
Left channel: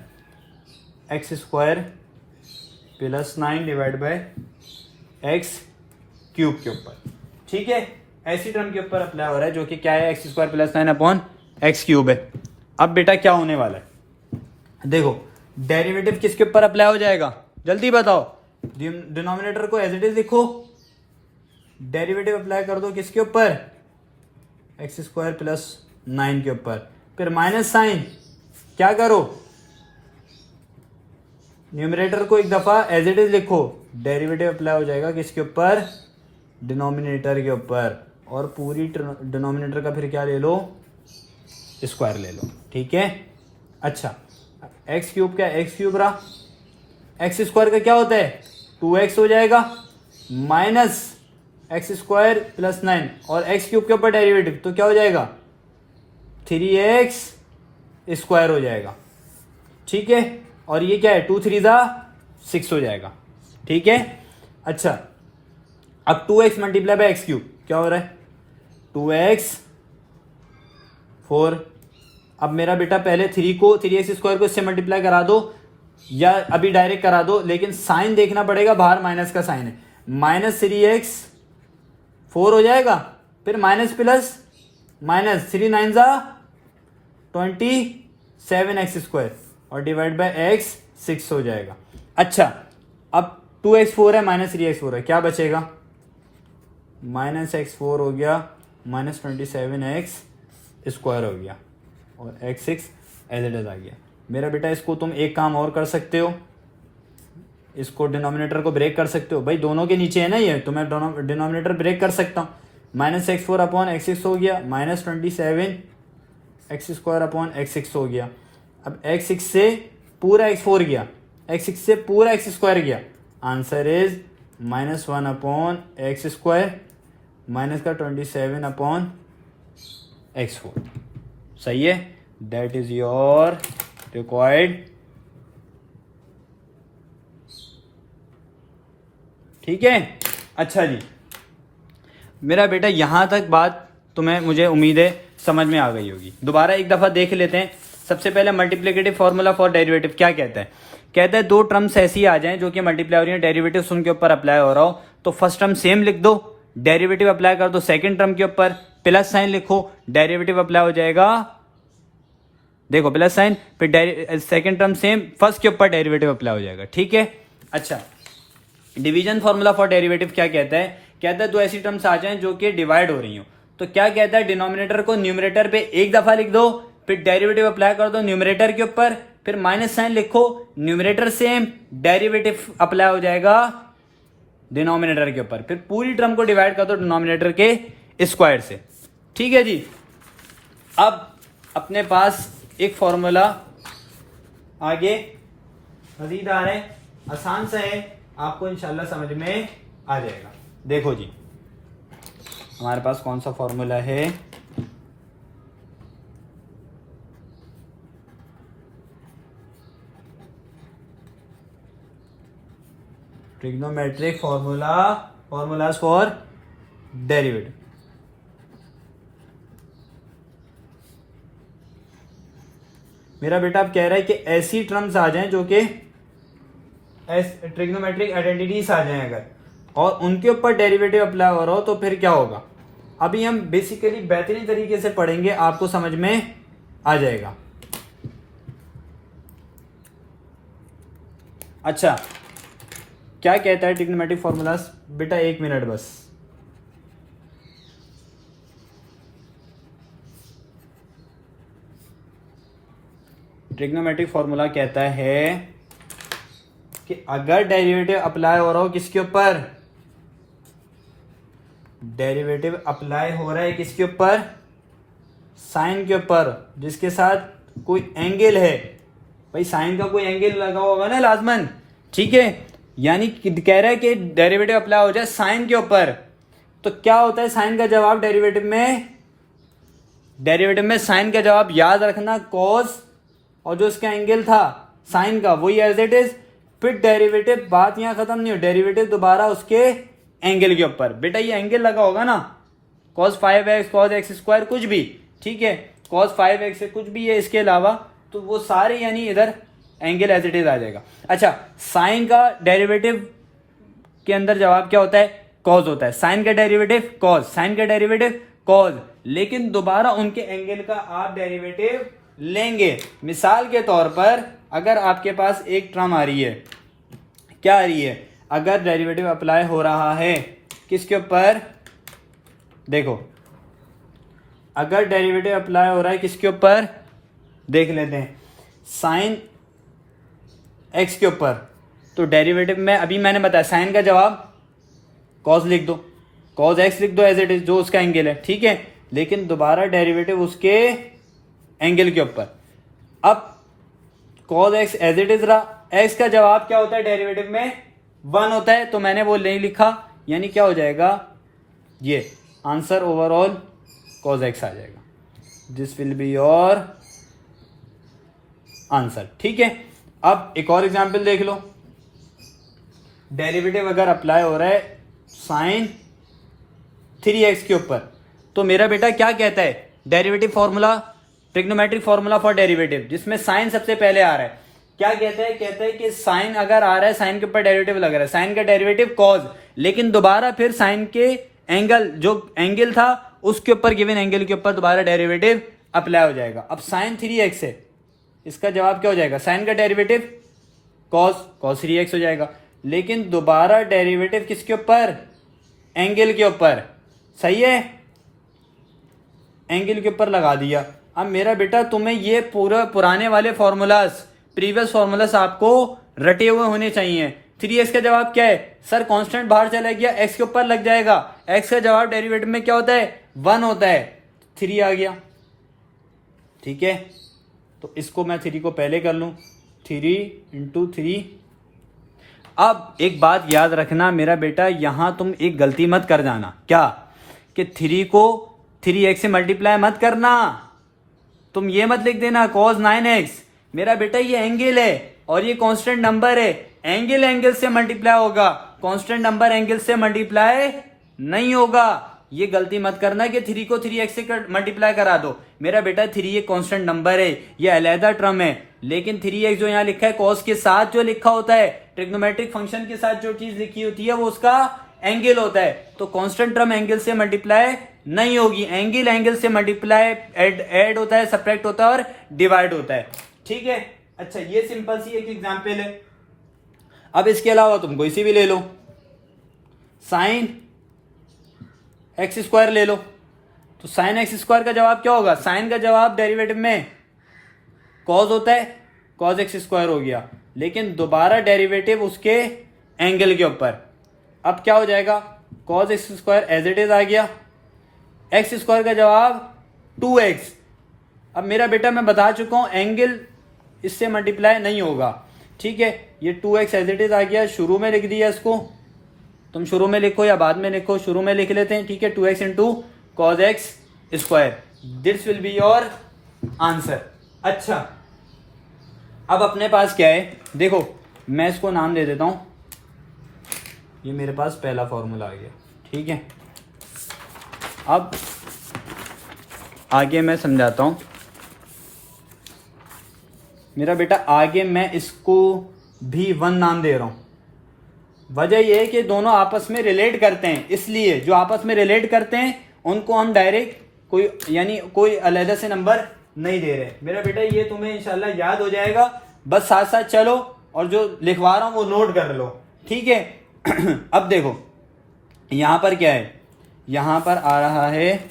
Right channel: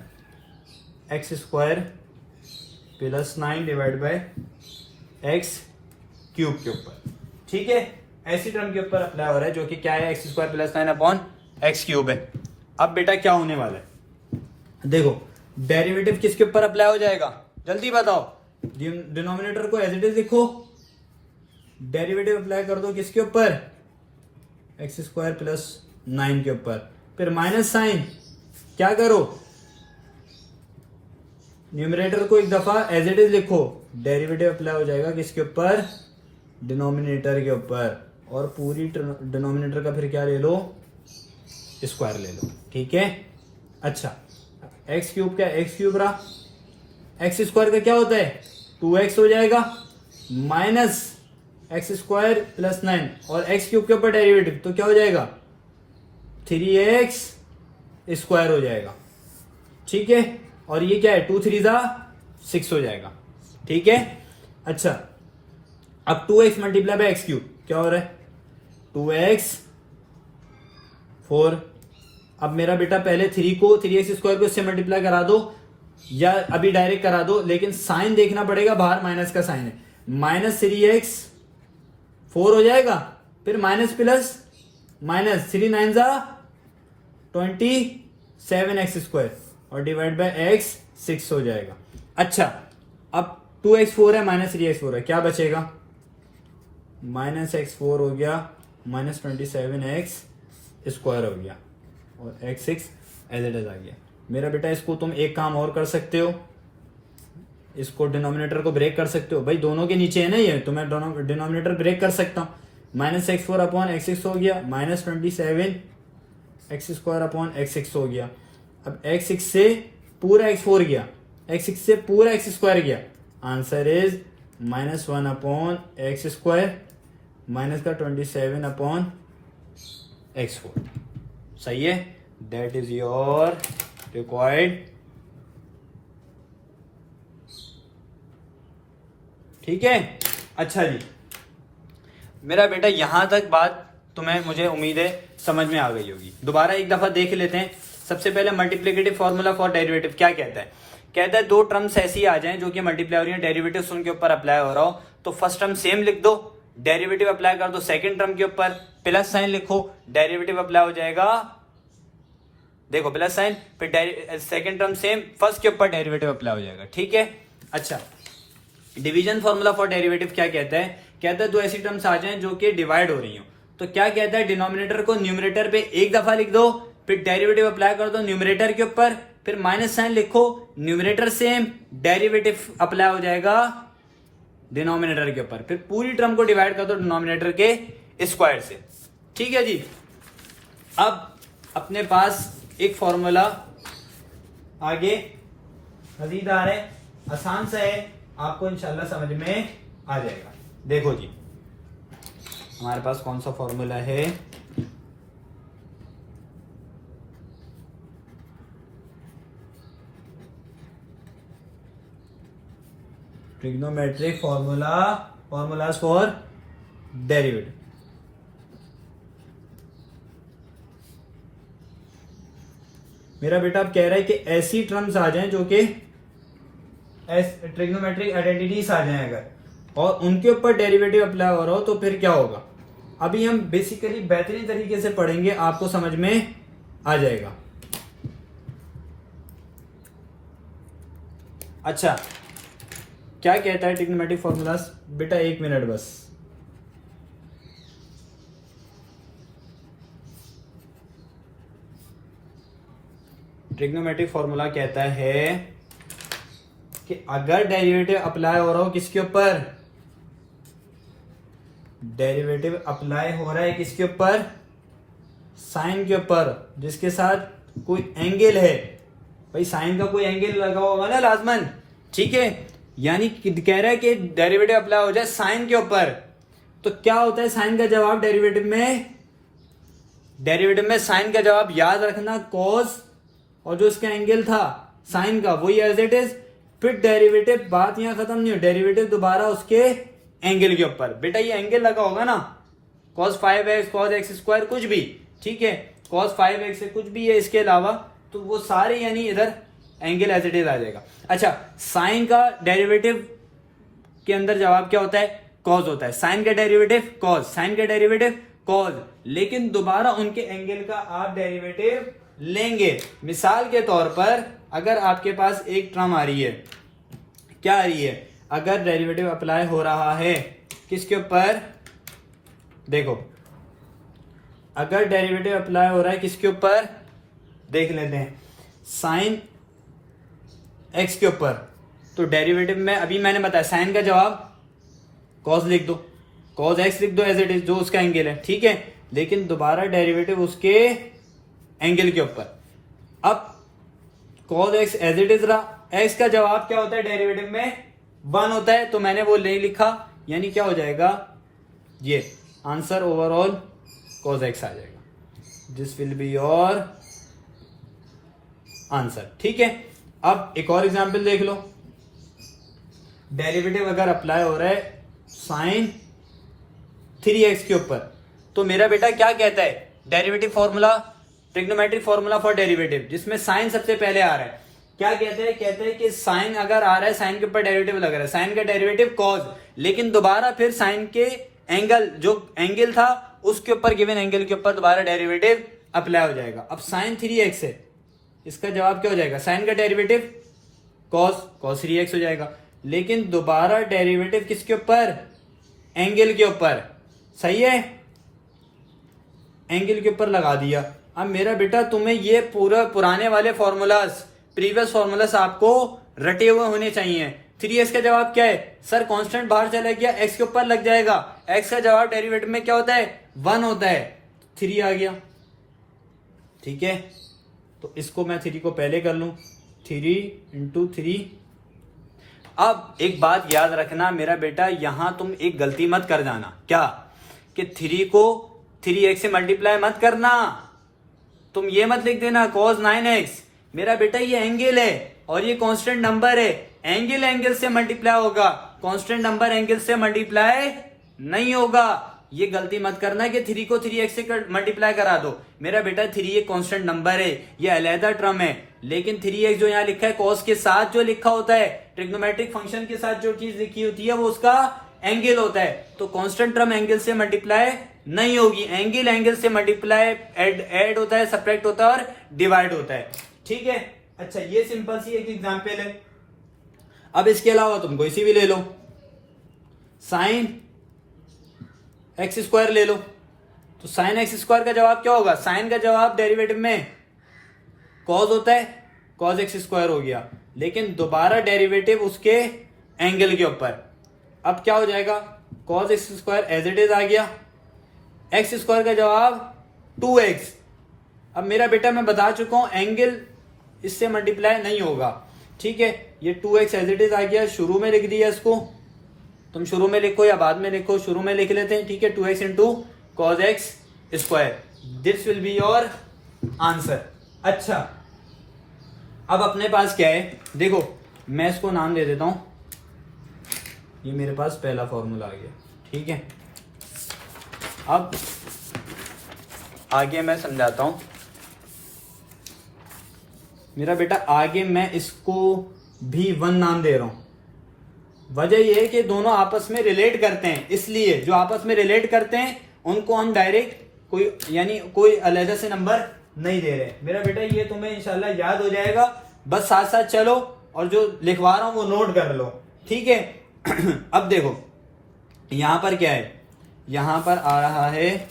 x square plus 9 divide by x cube के ऊपर। ठीक है, ऐसी टर्म के ऊपर अप्लाई हो रहा है जो कि क्या है, x square plus 9 upon x cube है। अब बेटा क्या होने वाला है, देखो डेरिवेटिव किसके ऊपर अप्लाई हो जाएगा, जल्दी बताओ, डिनोमिनेटर को एज इट इज लिखो, डेरिवेटिव अप्लाई कर दो किसके ऊपर, एक्स स्क्वायर प्लस 9 के ऊपर, फिर माइनस साइन, क्या करो, न्यूमरेटर को एक दफा एज इट इज लिखो, डेरिवेटिव अप्लाई हो जाएगा किसके ऊपर, डिनोमिनेटर के ऊपर, और पूरी डिनोमिनेटर का फिर क्या ले लो, स्क्वायर ले लो। ठीक है, अच्छा एक्स क्यूब क्या, एक्स क्यूब रहा, एक्स स्क्वायर का क्या होता है 2x हो जाएगा, माइनस एक्स स्क्वायर प्लस 9 और एक्स क्यूब के ऊपर डेरिवेटिव, तो क्या हो जाएगा 3x स्क्वायर हो जाएगा। ठीक है, और ये क्या है 2 3 6 हो जाएगा। ठीक है, अच्छा अब 2x multiply by x cube क्या हो रहा है 2x 4। अब मेरा बेटा पहले 3x स्क्वायर को इससे मल्टीप्लाई करा दो, या अभी डायरेक्ट करा दो, लेकिन साइन देखना पड़ेगा, बाहर माइनस का साइन है, माइनस 3x 4 हो जाएगा, फिर minus plus minus 3 9 27x square और डिवाइड बाय x 6 हो जाएगा। अच्छा अब 2x 4 है, माइनस 3x 4 है, क्या बचेगा, माइनस x 4 हो गया, माइनस 27x स्क्वायर हो गया, और x 6 एज इट इज आ गया। मेरा बेटा इसको तुम एक काम और कर सकते हो, इसको डिनोमिनेटर को ब्रेक कर सकते हो, भाई दोनों के नीचे है ना ये, तो मैं डिनोमिनेटर ब्रेक कर सकता हूं, माइनस एक्स 4 अपॉन एक्स 6 हो गया, minus 27x square upon x 6 हो गया। अब x 6 से पूरा x 4 गया, x 6 से पूरा x स्क्वायर गया, answer is minus 1 upon x square minus का 27 अपॉन x 4। सही है, दैट इज योर रिक्वायर्ड। ठीक है, अच्छा जी, मेरा बेटा यहाँ तक बात तुम्हें मुझे उम्मीद है समझ में आ गई होगी। दोबारा एक दफा देख लेते हैं। सबसे पहले मल्टीप्लिकेटिव फॉर्मूला फॉर डेरिवेटिव क्या कहता है? कहता है दो टर्म्स ऐसी आ जाएं जो कि मल्टीप्लाई हो रही है, डेरिवेटिव उनके ऊपर अप्लाई हो रहा हो, तो फर्स्ट टर्म सेम लिख दो, डेरिवेटिव अप्लाई कर दो सेकंड टर्म के ऊपर, प्लस साइन लिखो, डेरिवेटिव अप्लाई हो जाएगा, देखो प्लस साइन, फिर सेकंड टर्म सेम, फर्स्ट के ऊपर डेरिवेटिव अप्लाई हो जाएगा। ठीक है। अच्छा, डिवीजन फॉर्मूला फॉर डेरिवेटिव क्या कहता है? कहता है दो ऐसी टर्म्स आ जाएं जो कि डिवाइड हो रही हो, तो क्या कहता है? डिनोमिनेटर को न्यूमरेटर पे एक दफा लिख दो, फिर डेरिवेटिव अप्लाई कर दो न्यूमरेटर के ऊपर, फिर माइनस साइन लिखो, न्यूमरेटर सेम, डेरिवेटिव अप्लाई हो जाएगा डिनोमिनेटर के ऊपर, फिर पूरी टर्म को डिवाइड कर दो डिनोमिनेटर के स्क्वायर से। ठीक है जी। अब अपने पास एक फॉर्मूला आगे मजीदार है, आसान सा है, आपको इंशाल्लाह समझ में आ जाएगा। देखो जी, हमारे पास कौन सा फॉर्मूला है? Trigonometric formulas for derivative. मेरा बेटा अब कह रहा है कि ऐसी टर्म्स आ जाएं जो कि ट्रिग्नोमेट्रिक आइडेंटिटीज आ जाएं अगर, और उनके ऊपर डेरिवेटिव अप्लाई हो रहा हो, तो फिर क्या होगा? अभी हम बेसिकली बेहतरीन तरीके से पढ़ेंगे, आपको समझ में आ जाएगा। अच्छा, क्या कहता है ट्रिग्नोमेट्रिक फॉर्मूलाज? बेटा एक मिनट बस। ट्रिग्नोमेट्रिक फॉर्मूला कहता है कि अगर डेरिवेटिव अप्लाई हो रहा हो किसके ऊपर? डेरिवेटिव अप्लाई हो रहा है किसके ऊपर? साइन के ऊपर, जिसके साथ कोई एंगल है। भाई साइन का कोई एंगल लगा होगा ना लाजमन। ठीक है, यानी कह रहा है कि डेरिवेटिव अप्लाई हो जाए साइन के ऊपर, तो क्या होता है साइन का जवाब डेरिवेटिव में? डेरिवेटिव में साइन का जवाब याद रखना कॉस, और जो इसका एंगल था साइन का वही एज इट इज, फिर डेरिवेटिव, बात यहां खत्म नहीं हो, डेरिवेटिव दोबारा उसके एंगल के ऊपर। बेटा ये एंगल लगा होगा ना, cos 5x cos x square कुछ भी, ठीक है, cos 5x से कुछ भी है इसके अलावा, तो वो सारे यानी इधर एंगल एज इट इज आ जाएगा। अच्छा, साइन का डेरिवेटिव के अंदर जवाब क्या होता है? कॉज होता है। साइन का डेरिवेटिव कॉज, साइन का डेरिवेटिव कॉज, लेकिन दोबारा उनके एंगल का आप डेरिवेटिव लेंगे। मिसाल के तौर पर अगर आपके पास एक टर्म आ रही है, क्या आ रही है? अगर डेरिवेटिव अप्लाई हो रहा है किसके ऊपर? देखो, अगर डेरिवेटिव अप्लाई हो रहा है किसके ऊपर? देख लेते हैं, साइन एक्स के ऊपर, तो डेरिवेटिव में अभी मैंने बताया साइन का जवाब कॉस लिख दो, कॉस एक्स लिख दो एज इट इज, जो उसका एंगल है। ठीक है, लेकिन दोबारा डेरिवेटिव उसके एंगल के ऊपर। अब cos x as it is रहा, एक्स का जवाब क्या होता है डेरिवेटिव में? 1 होता है, तो मैंने वो नहीं लिखा, यानी क्या हो जाएगा? ये आंसर ओवरऑल कॉस एक्स आ जाएगा। This will be your answer. ठीक है, अब एक और एग्जांपल देख लो। डेरिवेटिव अगर अप्लाई हो रहा है साइन 3x के ऊपर, तो मेरा बेटा क्या कहता है? Derivative formula, trigonometric formula for derivative, जिसमें साइन सबसे पहले आ रहा है, क्या कहता है? कहता है कि साइन अगर आ रहा है, साइन के ऊपर डेरिवेटिव लग रहा है, साइन का डेरिवेटिव कॉज, लेकिन दोबारा फिर साइन के एंगल, जो एंगल था उसके ऊपर, गिवन एंगल के ऊपर दोबारा डेरिवेटिव अप्लाई हो जाएगा। अब साइन 3x है, इसका जवाब क्या हो जाएगा? साइन का डेरिवेटिव कॉस 3x हो जाएगा, लेकिन दोबारा डेरिवेटिव किसके ऊपर? एंगल के ऊपर। सही है, एंगल के ऊपर लगा दिया। अब मेरा बेटा तुम्हें ये पूरा पुराने वाले फॉर्मूलाज, प्रीवियस फॉर्मूलाज आपको रटे हुए होने चाहिए। 3x का जवाब क्या है? सर कांस्टेंट बाहर चला गया, x के ऊपर लग जाएगा। x का जवाब डेरिवेटिव में क्या होता है? 1 होता है, 3 आ गया। ठीक है, तो इसको मैं 3 को पहले कर लूं, 3 × 3। अब एक बात याद रखना मेरा बेटा, यहां तुम एक गलती मत कर जाना। क्या? कि 3 को 3x से मल्टीप्लाई मत करना। तुम ये मत लिख देना cos 9x। मेरा बेटा ये एंगल है और ये कांस्टेंट नंबर है, एंगल एंगल से मल्टीप्लाई होगा, कांस्टेंट नंबर एंगल से मल्टीप्लाई नहीं होगा। ये गलती मत करना कि 3 को 3x से मल्टीप्लाई करा दो। मेरा बेटा 3 एक कांस्टेंट नंबर है, ये अलहदा टर्म है, लेकिन 3x जो यहाँ लिखा है कॉस के साथ जो लिखा होता है, ट्रिग्नोमेट्रिक फंक्शन के साथ जो चीज लिखी होती है वो उसका एंगल होता है। तो कांस्टेंट टर्म एंगल से मल्टीप्लाई नहीं होगी, एंगल एंगल से मल्टीप्लाई ऐड होता है, सब्ट्रैक्ट होता है और डिवाइड होता है। ठीक है, अच्छा ये सिंपल सी एक एग्जांपल है। अब इसके अलावा तुम कोई सी भी ले लो, साइन एक्स स्क्वायर ले लो, तो साइन एक्स स्क्वायर का जवाब क्या होगा? साइन का जवाब डेरिवेटिव में कॉस होता है, कॉस एक्स स्क्वायर हो गया, लेकिन दोबारा डेरिवेटिव उसके एंगल के ऊपर। अब क्या हो जाएगा? Cos x square as it is आ गया, एक्स स्क्वायर का जवाब 2x। अब मेरा बेटा मैं बता चुका हूं एंगल इससे मल्टीप्लाई नहीं होगा। ठीक है, ये 2x एज इट इज आ गया, शुरू में लिख दिया इसको, तुम शुरू में लिखो या बाद में लिखो, शुरू में लिख लेते हैं। ठीक है, 2x into cos x square, this will be your answer. अच्छा, अब अपने पास क्या है? देखो मैं इसको नाम दे देता हूं, ये मेरे पास पहला फॉर्मूला आ गया। ठीक है, अब आगे मैं समझाता हूं। मेरा बेटा आगे मैं इसको भी 1 नाम दे रहा हूं। वजह यह है कि दोनों आपस में रिलेट करते हैं, इसलिए जो आपस में रिलेट करते हैं उनको हम डायरेक्ट कोई अलग से नंबर नहीं दे रहे। मेरा बेटा ये तुम्हें इंशाल्लाह याद हो जाएगा, बस साथ साथ चलो और जो लिखवा रहा हूं वो नोट कर लो। ठीक है, अब देखो यहां पर क्या है, यहां पर आ रहा है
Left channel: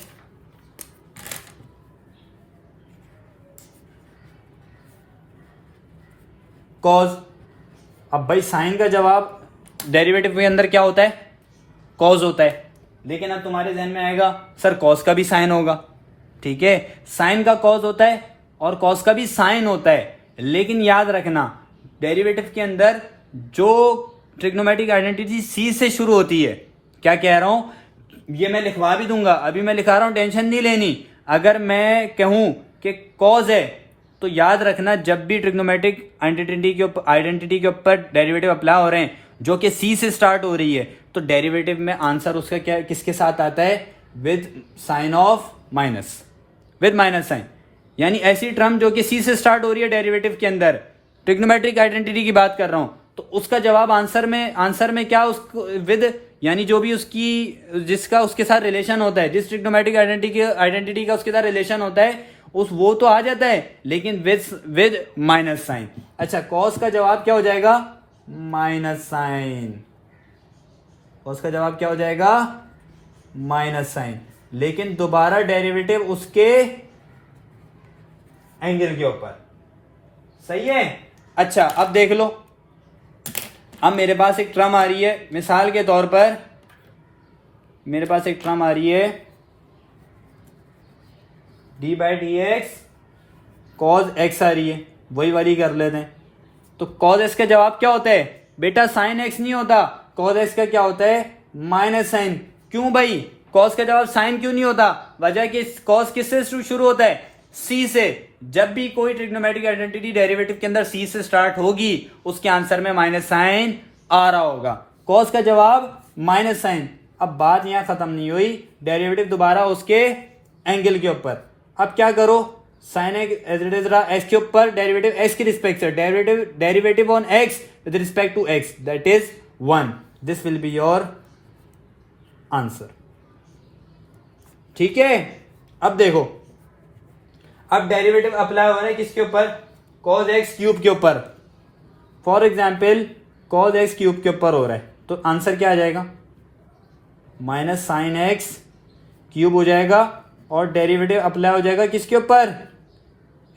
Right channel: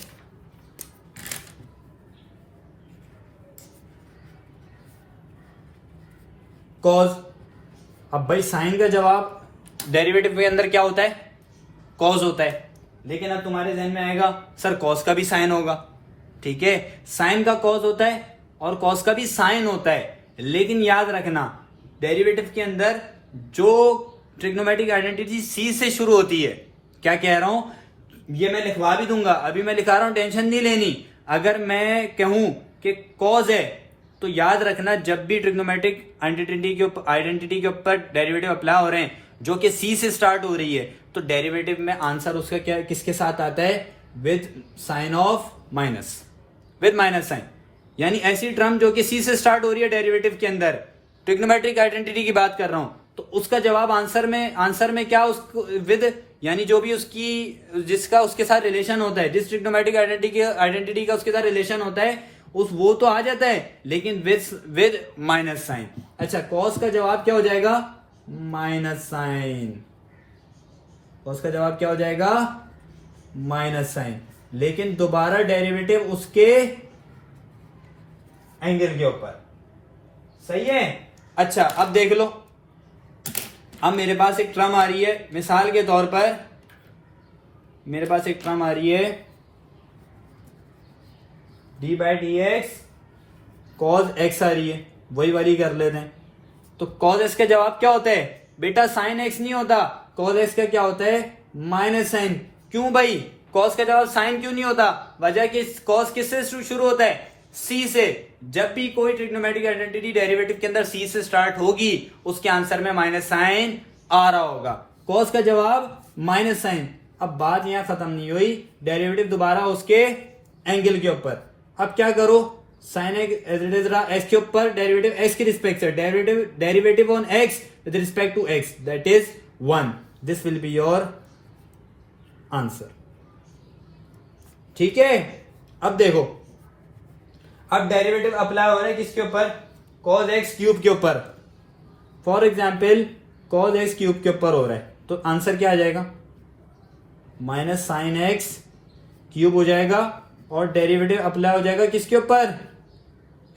कॉस। अब भाई साइन का जवाब डेरिवेटिव के अंदर क्या होता है? कॉस होता है, लेकिन अब तुम्हारे ध्यान में आएगा सर कॉस का भी साइन होगा। ठीक है, साइन का कॉस होता है और कॉस का भी साइन होता है, लेकिन याद रखना डेरिवेटिव के अंदर जो ट्रिग्नोमेट्रिक आइडेंटिटी सी से शुरू होती है। क्या कह रहा हूं, ये मैं लिखवा भी दूंगा, अभी मैं लिखा रहा हूं, टेंशन नहीं लेनी। अगर मैं कहूं कि कॉस है तो याद रखना जब भी ट्रिग्नोमेट्रिक आइडेंटिटी के ऊपर डेरिवेटिव अप्लाई हो रहे हैं जो कि सी से स्टार्ट हो रही है, तो डेरिवेटिव में आंसर उसका क्या किसके साथ आता है? With sine of minus, with minus sine. यानी ऐसी टर्म जो कि सी से स्टार्ट हो रही है डेरिवेटिव के अंदर, ट्रिग्नोमेट्रिक आइडेंटिटी की बात कर रहा हूं, तो उसका जवाब आंसर में क्या उसको विद, यानी जो भी उसकी जिसका उसके साथ रिलेशन होता है, जिस ट्रिग्नोमेट्रिक आइडेंटिटी का उसके साथ रिलेशन होता है वो तो आ जाता है, लेकिन विद माइनस साइन। अच्छा, कॉस का जवाब क्या हो जाएगा? Minus sign. कॉस का जवाब क्या हो जाएगा? माइनस साइन, लेकिन दोबारा डेरिवेटिव उसके एंगल के ऊपर। सही है? अच्छा, अब देख लो, अब मेरे पास एक टर्म आ रही है, मिसाल के तौर पर मेरे पास एक टर्म आ रही है d by d x cos x आ रही है, वही वाली कर लेते हैं। तो कॉज एक्स का जवाब क्या होता है? बेटा साइन एक्स नहीं होता, कॉज एक्स का क्या होता है? Minus sine. क्यों भाई कॉस का जवाब साइन क्यों नहीं होता? वजह कि कॉस किससे शुरू होता है? सी से। जब भी कोई ट्रिग्नोमेट्रिक आइडेंटिटी डेरिवेटिव के अंदर सी से स्टार्ट होगी उसके आंसर में माइनस साइन आ रहा होगा। कॉस का जवाब माइनस साइन। अब बात यहां खत्म नहीं हुई, डेरिवेटिव दोबारा उसके एंगल के ऊपर। अब क्या करो, साइन एज इट इज रहा एक्स के ऊपर, डेरिवेटिव एक्स की रिस्पेक्ट से, derivative on x with respect to x, that is 1। This will be your answer. ठीक है, अब देखो, अब डेरिवेटिव अप्लाई हो रहा है किसके ऊपर? कॉज एक्स क्यूब के ऊपर। For example cos x cube के ऊपर हो रहा है, तो आंसर क्या आ जाएगा? माइनस साइन एक्स क्यूब हो जाएगा और डेरिवेटिव अप्लाई हो जाएगा किसके ऊपर?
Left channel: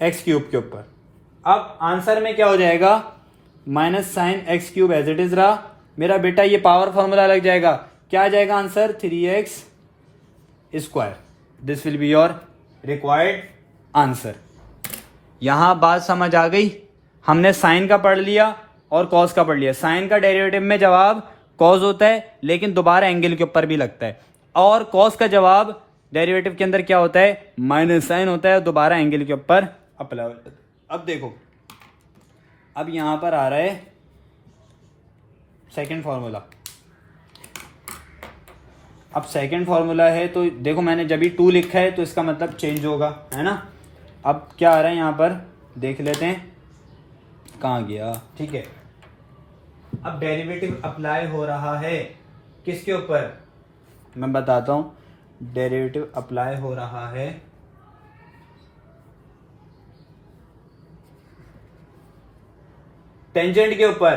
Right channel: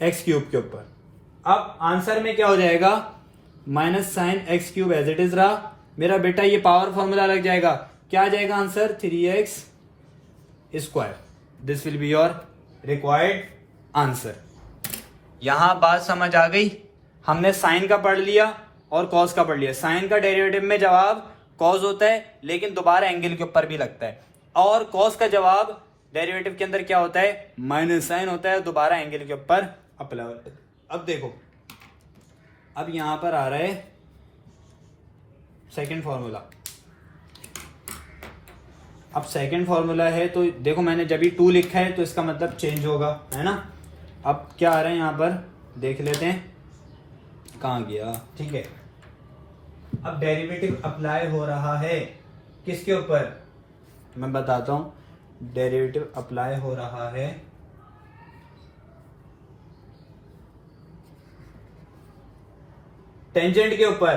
एक्स क्यूब के ऊपर। अब आंसर में क्या हो जाएगा? Minus sine x cube as it is रहा। मेरा बेटा ये पावर फॉर्मूला लग जाएगा, क्या आ जाएगा answer? 3x square. This will be your required answer. यहां बात समझ आ गई? हमने साइन का पढ़ लिया और कॉस का पढ़ लिया। साइन का डेरिवेटिव में जवाब कॉस होता है, लेकिन दोबारा एंगल के ऊपर भी लगता है, और कॉस का जवाब डेरिवेटिव के अंदर क्या होता है? माइनस साइन होता है, दोबारा एंगल के ऊपर अप्लाई होता है। अब देखो, अब यहां पर आ रहा है सेकंड फॉर्मूला। अब सेकंड फॉर्मूला है, तो देखो मैंने जब भी 2 लिखा है तो इसका मतलब चेंज होगा, है ना। अब क्या आ रहा है यहाँ पर देख लेते हैं, कहाँ गया, ठीक है। अब डेरिवेटिव अप्लाई हो रहा है किसके ऊपर, मैं बताता हूं। डेरिवेटिव अप्लाई हो रहा है टेंजेंट के ऊपर।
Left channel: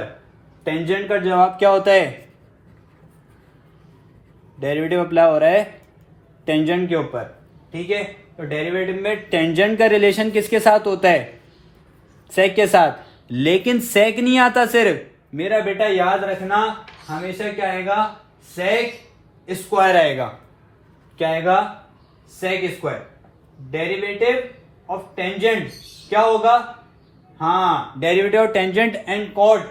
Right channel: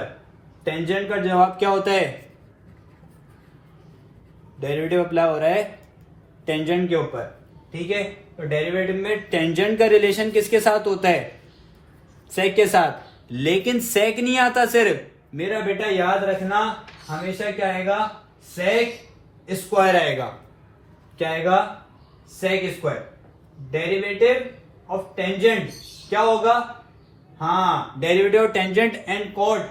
टेंजेंट का जवाब क्या होता है, डेरिवेटिव अप्लाई हो रहा है टेंजेंट के ऊपर, ठीक है। तो डेरिवेटिव में टेंजेंट का रिलेशन किसके साथ होता है, सेक के साथ। लेकिन सेक नहीं आता सिर्फ, मेरा बेटा याद रखना हमेशा क्या आएगा, सेक स्क्वायर आएगा। क्या आएगा, sec square. Derivative of tangent क्या होगा, हाँ, derivative of tangent and cot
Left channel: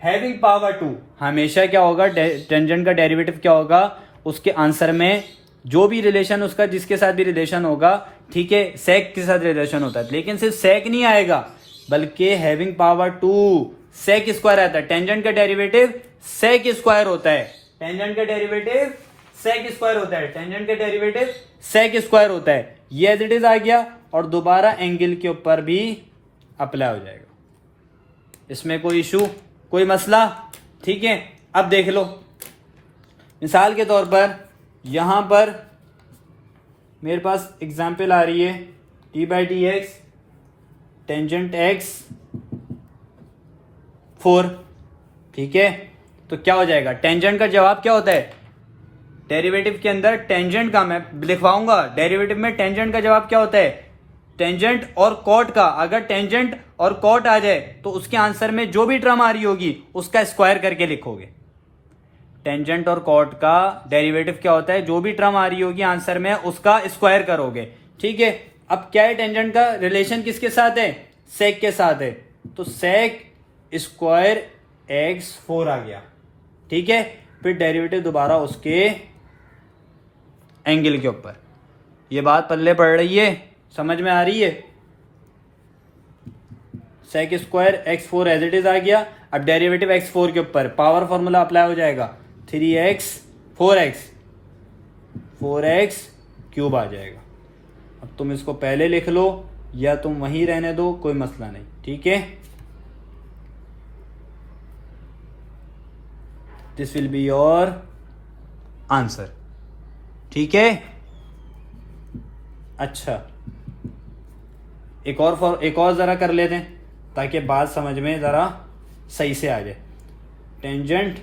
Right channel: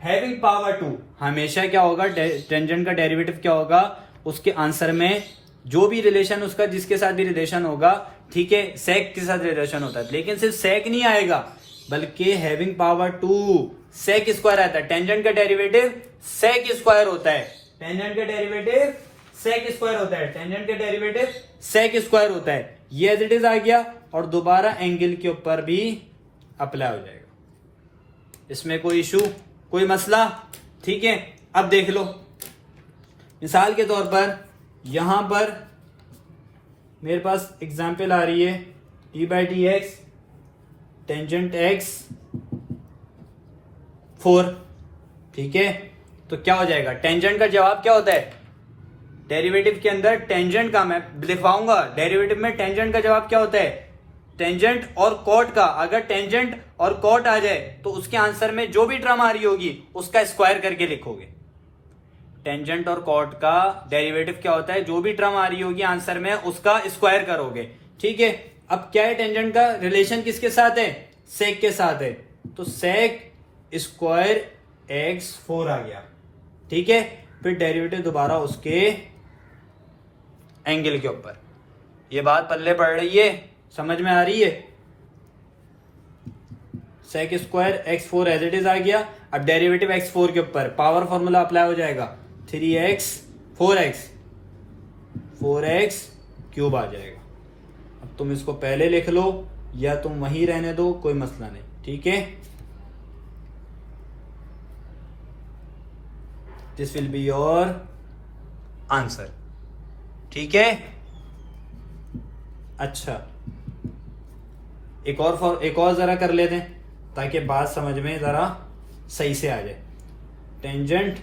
having power 2। हमेशा क्या होगा, टेंजेंट का डेरिवेटिव क्या होगा, उसके आंसर में जो भी रिलेशन उसका जिसके साथ भी रिलेशन होगा, ठीक है, सेक के साथ रिलेशन होता है। लेकिन सिर्फ सेक नहीं आएगा बल्कि हैविंग पावर 2 सेक स्क्वायर आता है। टेंजेंट का डेरिवेटिव सेक स्क्वायर होता है, टेंजेंट का डेरिवेटिव सेक स्क्वायर होता है, टेंजेंट का डेरिवेटिव सेक स्क्वायर होता है। ये एज इट इज आ गया और दोबारा एंगल के ऊपर भी अप्लाई हो जाएगा। इसमें कोई इशू, कोई मसला, ठीक है। अब देख लो, मिसाल के तौर पर यहां पर मेरे पास एग्जाम्पल आ रही है d/dx टेंजेंट x 4, ठीक है। तो क्या हो जाएगा, टेंजेंट का जवाब क्या होता है, डेरिवेटिव के अंदर टेंजेंट का मैं लिखवाऊंगा, डेरिवेटिव में टेंजेंट का जवाब क्या होता है, टेंजेंट और कॉट का। अगर टेंजेंट और कॉट आ जाए तो उसके आंसर में जो भी टर्म आ रही होगी उसका स्क्वायर करके लिखोगे। टेंजेंट और कॉट का डेरिवेटिव क्या होता है, जो भी टर्म आ रही होगी आंसर में उसका स्क्वायर करोगे, ठीक है। अब क्या है, टेंजेंट का रिलेशन किसके साथ है, सेक के साथ है। तो सेक स्क्वायर x4 आ गया, ठीक है। फिर डेरिवेटिव दोबारा उसके एंगल के ऊपर। ये बात पल्ले पड़ रही है, समझ में आ रही है। Sec square x4 as it is आ गया। अब डेरिवेटिव x4 के ऊपर पावर फॉर्मूला अप्लाई हो जाएगा, 3x 4x क्यूब आ जाएगा। अब तुम इसको पहले लिख लो या तुम वहीं रहने दो, कोई मसला नहीं, ठीक है। This will be your answer, ठीक है। अच्छा, एक और जरा कर लेते हैं ताकि बात समझ में जरा सही से आ जाए। टेंजेंट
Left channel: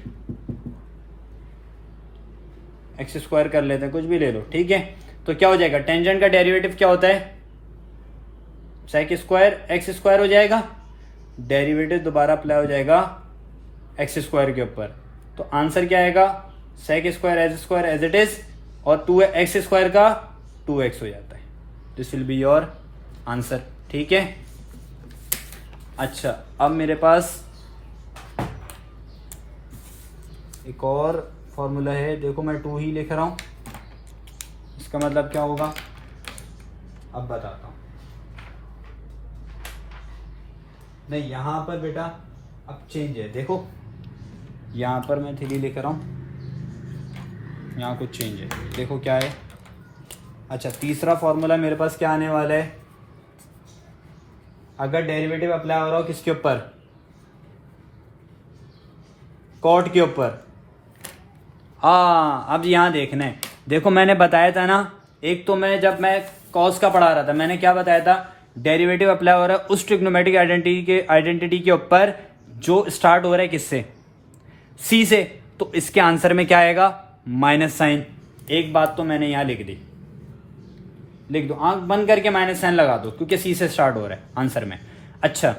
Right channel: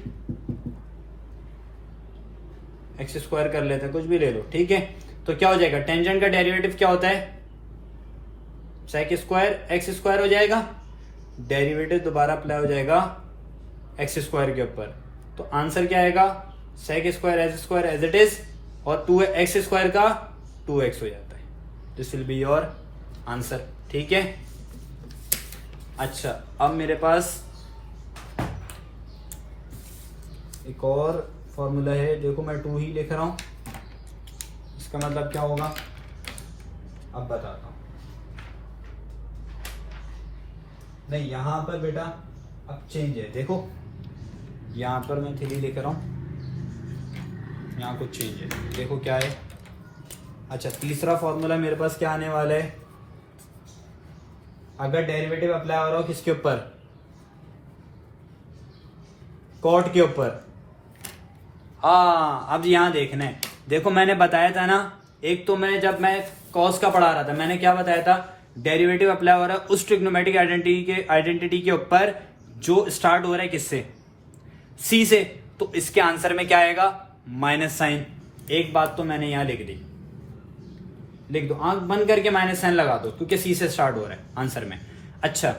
एक्स स्क्वायर कर लेते हैं, कुछ भी ले लो, ठीक है। तो क्या हो जाएगा, टेंजेंट का डेरिवेटिव क्या होता है, सेक स्क्वायर एक्स स्क्वायर हो जाएगा। डेरिवेटिव दोबारा अप्लाई हो जाएगा एक्स स्क्वायर के ऊपर। तो आंसर क्या आएगा, sec square as it is, और 2x स्क्वायर का 2x हो जाता है। This will be your answer, ठीक है। अच्छा, अब मेरे पास एक और फॉर्मूला है, देखो मैं 2 ही लिख रहा हूं, इसका मतलब क्या होगा अब बताता हूं। नहीं, यहां पर बेटा अब चेंज है, देखो यहां पर मैं 3 लिख रहा हूं, यहां कुछ चेंज है, देखो क्या है। अच्छा, तीसरा फॉर्मूला मेरे पास क्या आने वाला है, अगर डेरिवेटिव अप्लाई हो रहा हो किसके ऊपर, कॉट के ऊपर। अब यहां देखना है, देखो मैंने बताया था ना, एक तो जब मैं कॉस का पढ़ा रहा था मैंने क्या बताया था, डेरिवेटिव अप्लाई हो रहा है उस ट्रिग्नोमेट्रिक आइडेंटिटी के ऊपर जो स्टार्ट हो रहा है किससे, सी से। तो इसके आंसर में क्या आएगा, माइनस साइन। एक बात तो मैंने यहां लिख दी, लिख दो, आंख बंद करके माइनस साइन लगा दो क्योंकि सी से स्टार्ट हो रहा है आंसर में। अच्छा,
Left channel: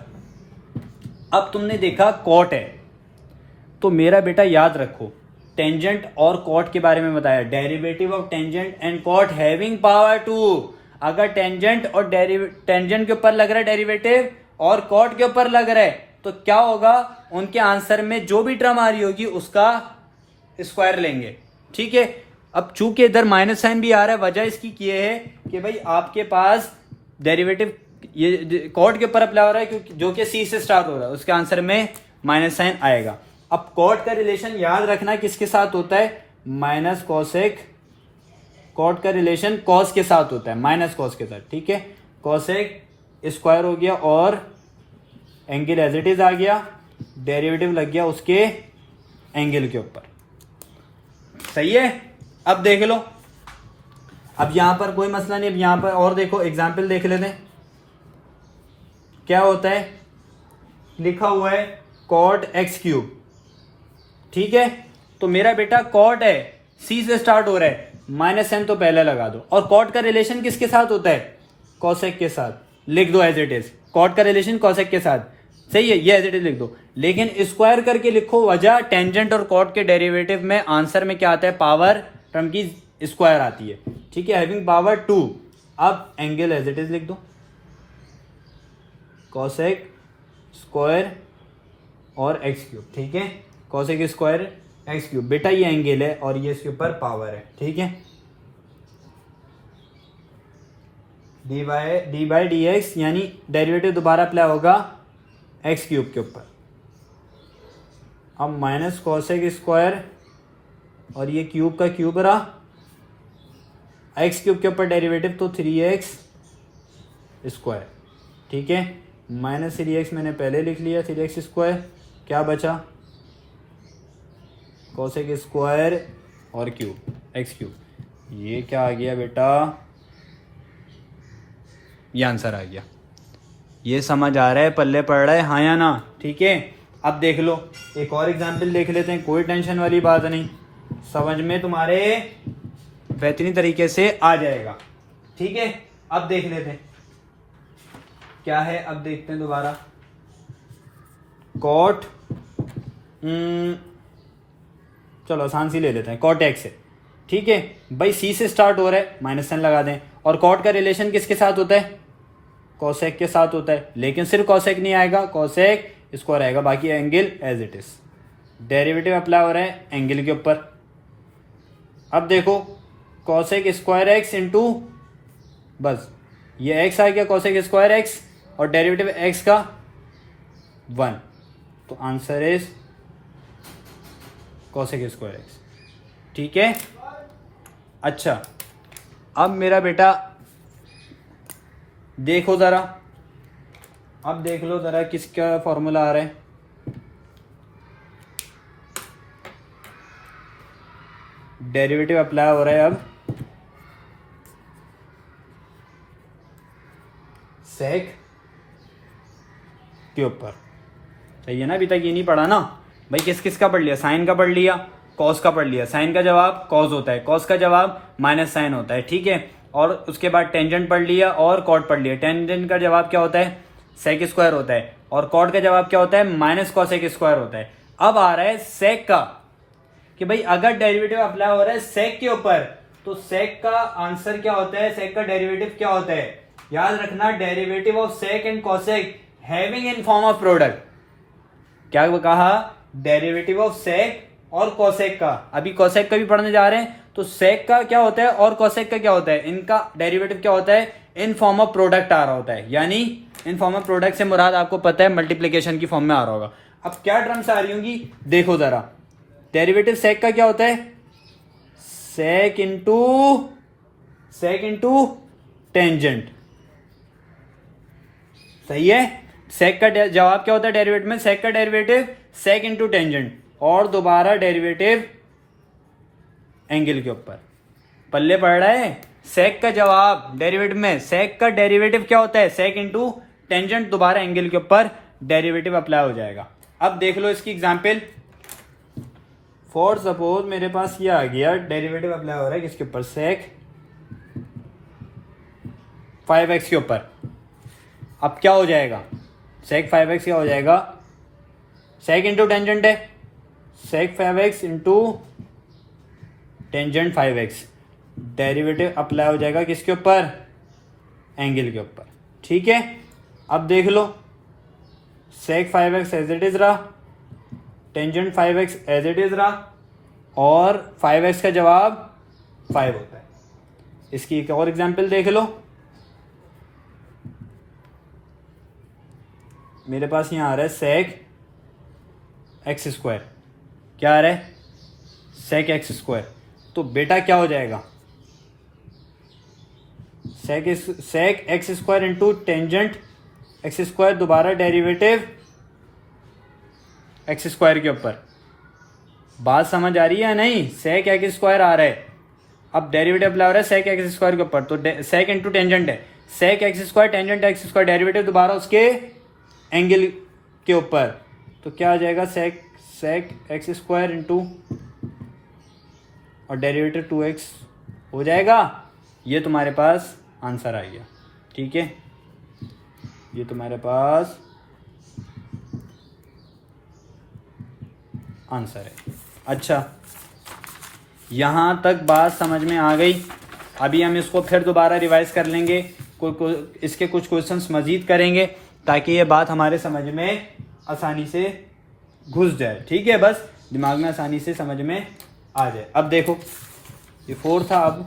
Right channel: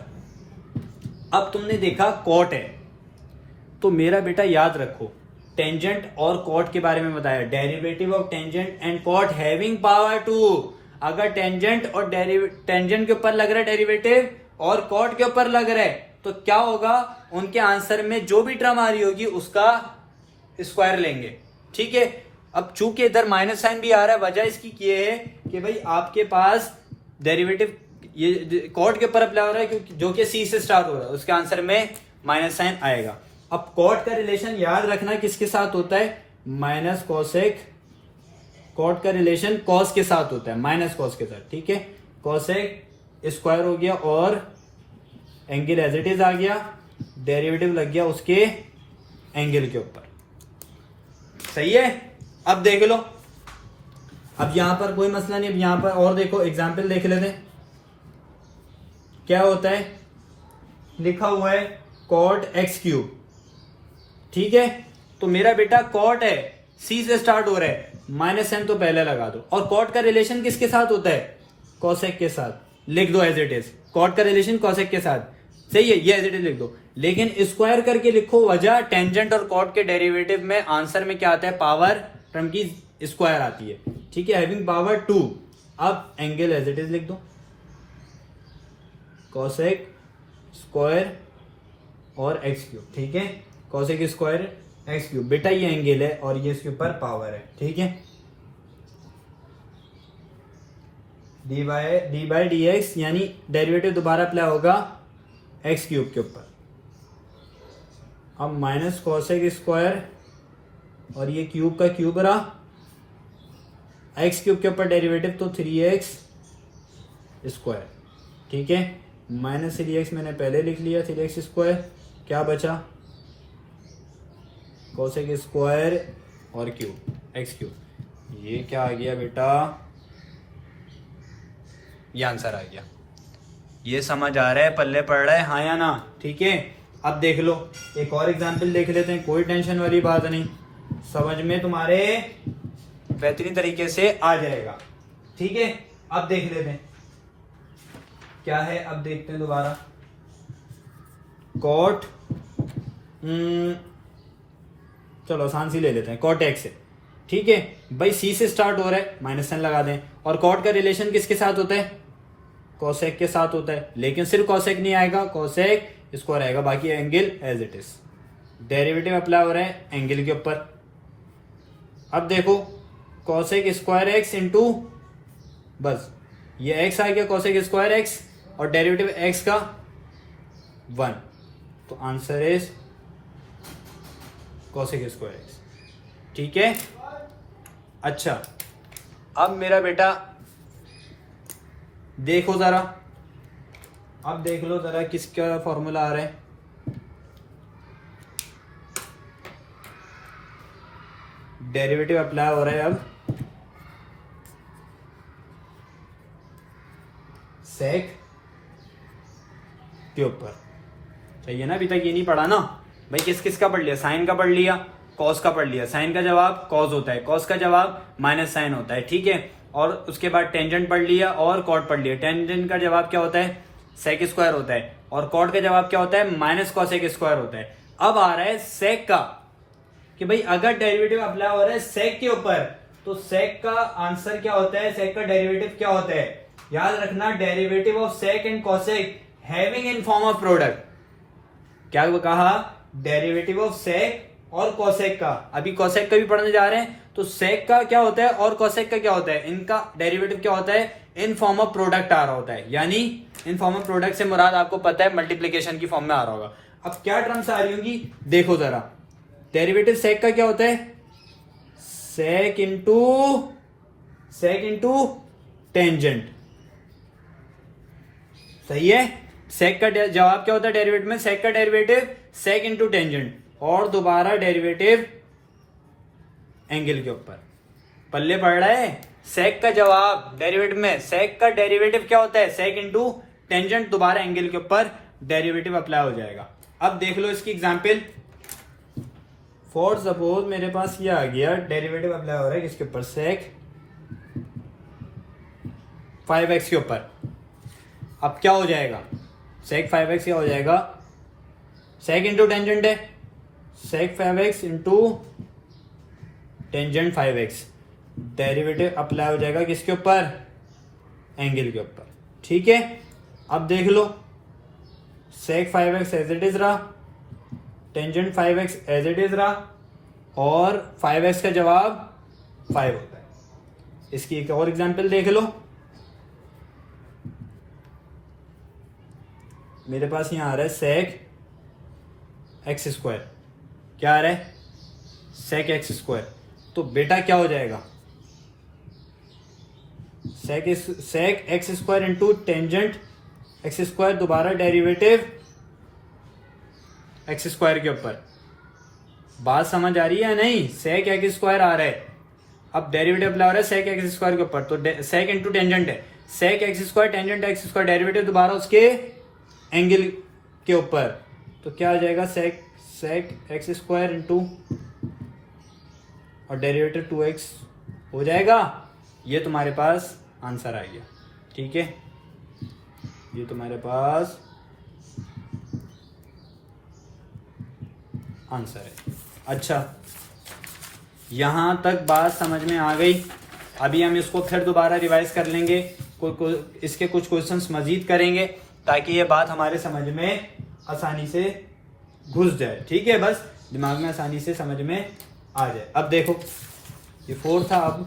अब तुमने देखा कॉट है, तो मेरा बेटा याद रखो टेंजेंट और कॉट के बारे में बताया, derivative of tangent and cot having power 2। अगर टेंजेंट और टेंजेंट के ऊपर लग रहा है डेरिवेटिव और कॉट के ऊपर लग रहा है, तो क्या होगा, उनके आंसर में जो भी टर्म आ रही होगी उसका स्क्वायर लेंगे, ठीक है। अब चूंकि इधर माइनस साइन भी आ रहा है, वजह इसकी ये है कि भाई आपके पास डेरिवेटिव ये कॉट के ऊपर अप्लाई हो रहा है क्योंकि जो कि सी से स्टार्ट हो रहा है, उसके आंसर में माइनस साइन आएगा। अब कॉट का रिलेशन याद रखना किसके साथ होता है, माइनस कोसेक कॉट का रिलेशन कॉस के साथ होता है, माइनस कॉस के साथ, ठीक है। कॉसेक स्क्वायर हो गया और एंगल एज इट इज आ गया, डेरिवेटिव लग गया उसके एंगल के ऊपर, सही है। अब देख लो, अब यहां पर कोई मसला नहीं, अब यहां पर और देखो एग्जाम्पल देख लेते हैं क्या होता है। लिखा हुआ है कॉट एक्स क्यूब, ठीक है। तो मेरा बेटा कॉट है, सी से स्टार्ट हो रहा है, माइनस एन तो पहले लगा दो। और कॉट का रिलेशन किसके साथ होता है? कॉसेक के साथ। लिख दो एज इट इज, कॉट का रिलेशन कॉसेक के साथ, सही है, ये एज इट इज लिख दो। लेकिन स्क्वायर करके लिखो, वजह टेंजेंट और कॉट के डेरिवेटिव में आंसर में क्या आता है? पावर टर्म की स्क्वायर आती है, ठीक है, हैविंग पावर 2। अब एंगल एज इट इज लिख दो, कॉसेक स्क्वायर और एक्स क्यूब, ठीक है, कॉसेक स्क्वायर एक्स क्यूब। बेटा ये एंगल है और ये इसके ऊपर पावर है, ठीक है। डी बाई डी एक्स यानी डेरिवेटिव दोबारा अप्लाई होगा एक्स क्यूब के ऊपर। अब माइनस कॉसेक स्क्वायर और ये क्यूब का क्यूब रहा, एक्स क्यूब के ऊपर डेरिवेटिव तो 3x स्क्वायर, ठीक है। माइनस 3x मैंने पहले लिख लिया, 3x स्क्वायर, क्या बचा? कॉसेक स्क्वायर और क्यूब एक्स क्यूब। ये क्या आ गया बेटा? ये आंसर आ गया। ये समझ आ रहा है, पल्ले पड़ रहा है, हाँ या ना? ठीक है। अब देख लो एक और एग्जाम्पल देख लेते हैं, कोई टेंशन वाली बात नहीं, समझ में तुम्हारे बेहतरीन तरीके से आ जाएगा, ठीक है। अब देख लेते हैं क्या है, अब देखते हैं दोबारा। कॉट चलो आसान सी ले लेते हैं, कॉट एक्स है, ठीक है भाई, सी से स्टार्ट हो रहा है, माइनस एन लगा दें। और कॉट का रिलेशन किसके साथ होता है? कॉसेक के साथ होता है, लेकिन सिर्फ कॉसेक नहीं आएगा, कॉसेक स्क्वायर आएगा, बाकी angle as it is. Derivative apply हो रहा है एंगल के ऊपर। अब देखो कॉसेक स्क्वायर एक्स इंटू, बस ये एक्स आ गया, कॉसेक स्क्वायर एक्स और डेरिवेटिव एक्स का 1, तो answer is cosec square x, ठीक है। अच्छा अब मेरा बेटा देखो जरा, अब देख लो जरा किसका फॉर्मूला आ रहा है। डेरिवेटिव अप्लाई हो रहा है अब सेक के ऊपर, सही है ना? अभी तक ये नहीं पढ़ा ना भाई, किस किस का पढ़ लिया? साइन का पढ़ लिया, कॉस का पढ़ लिया। साइन का जवाब कॉस होता है, कॉस का जवाब माइनस साइन होता है, ठीक है। और उसके बाद टेंजेंट पढ़ लिया और कॉट पढ़ लिया। टेंजेंट का जवाब क्या होता है? सेक स्क्वायर होता है। और कॉट का जवाब क्या होता है? माइनस कॉसेक स्क्वायर होता है। अब आ रहा है सेक का, कि भाई अगर डेरिवेटिव अप्लाई हो रहा है सेक के ऊपर, तो सेक का आंसर क्या होता है? सेक का डेरिवेटिव क्या होता है? याद रखना, derivative of sec and cosec having in form of product. क्या वो कहा? डेरिवेटिव ऑफ सेक और कॉसेक का। अभी कॉसेक का भी पढ़ने जा रहे हैं, तो सेक का क्या होता है और कॉसेक का क्या होता है? इनका डेरिवेटिव क्या होता है? इन फॉर्म ऑफ प्रोडक्ट आ रहा होता है, यानी इन फॉर्म ऑफ प्रोडक्ट से मुराद आपको पता है मल्टीप्लीकेशन की फॉर्म में आ रहा होगा। अब क्या टर्म्स आ रही होंगी देखो जरा। डेरिवेटिव सेक का क्या होता है? सेक इंटू टेंजेंट, सही है। सेक का जवाब क्या होता है डेरिवेटिव में? सेक का डेरिवेटिव सेक इंटू टेंजेंट, और दोबारा डेरिवेटिव एंगल के ऊपर। पल्ले पड़ रहा है? सेक का जवाब डेरिवेटिव में, सेक का डेरिवेटिव क्या होता है? सेक इंटू टेंजेंट, दोबारा एंगल के ऊपर डेरिवेटिव अप्लाई हो जाएगा। अब देख लो इसकी एग्जांपल। फॉर सपोज मेरे पास ये आ गया, डेरिवेटिव अप्लाई हो रहा है किसके ऊपर? सेक 5x के ऊपर। अब क्या हो जाएगा? सेक 5x क्या हो जाएगा? सेक इंटू टेंजेंट है, सेक 5x into tangent 5x। Derivative apply हो जाएगा किसके ऊपर? एंगल के ऊपर, ठीक है। अब देख लो, sec 5x as it is रहा, tangent 5x as it is रहा, और 5x का जवाब 5 होता है। इसकी एक और एग्जांपल देख लो। मेरे पास यहां आ रहा है सेक एक्स स्क्वायर, क्या आ रहा है? Sec x square. तो बेटा क्या हो जाएगा? Sec 5x as it is रहा, tangent 5x as it is रहा, और 5x का जवाब 5 होता है। इसकी एक और एग्जांपल देख लो। मेरे पास यहां आ रहा है सेक एक्स स्क्वायर, क्या आ रहा है? Sec x square. तो बेटा क्या हो जाएगा? Sec x square into tangent x square, दोबारा डेरिवेटिव एक्स स्क्वायर के ऊपर। बात समझ आ रही है या नहीं? सेक एक्स स्क्वायर आ रहा है, अब डेरिवेटिव अप्लाई हो रहा है सेक एक्स स्क्वायर के ऊपर, तो सेक इंटू टेंजेंट है, sec x square tangent x square, derivative दोबारा उसके एंगल के ऊपर, तो क्या हो जाएगा सेक एक्स स्क्वायर इंटू और डेरिवेटिव 2x हो जाएगा। ये तुम्हारे पास आंसर आ गया, ठीक है, ये तुम्हारे पास आंसर है। अच्छा, यहां तक बात समझ में आ गई। अभी हम इसको फिर दोबारा रिवाइज कर लेंगे, इसके कुछ क्वेश्चंस मजीद करेंगे ताकि ये बात हमारे समझ में आसानी से घुस जाए, ठीक है, बस दिमाग में आसानी से समझ में आ जाए। अब देखो, ये 4 था, अब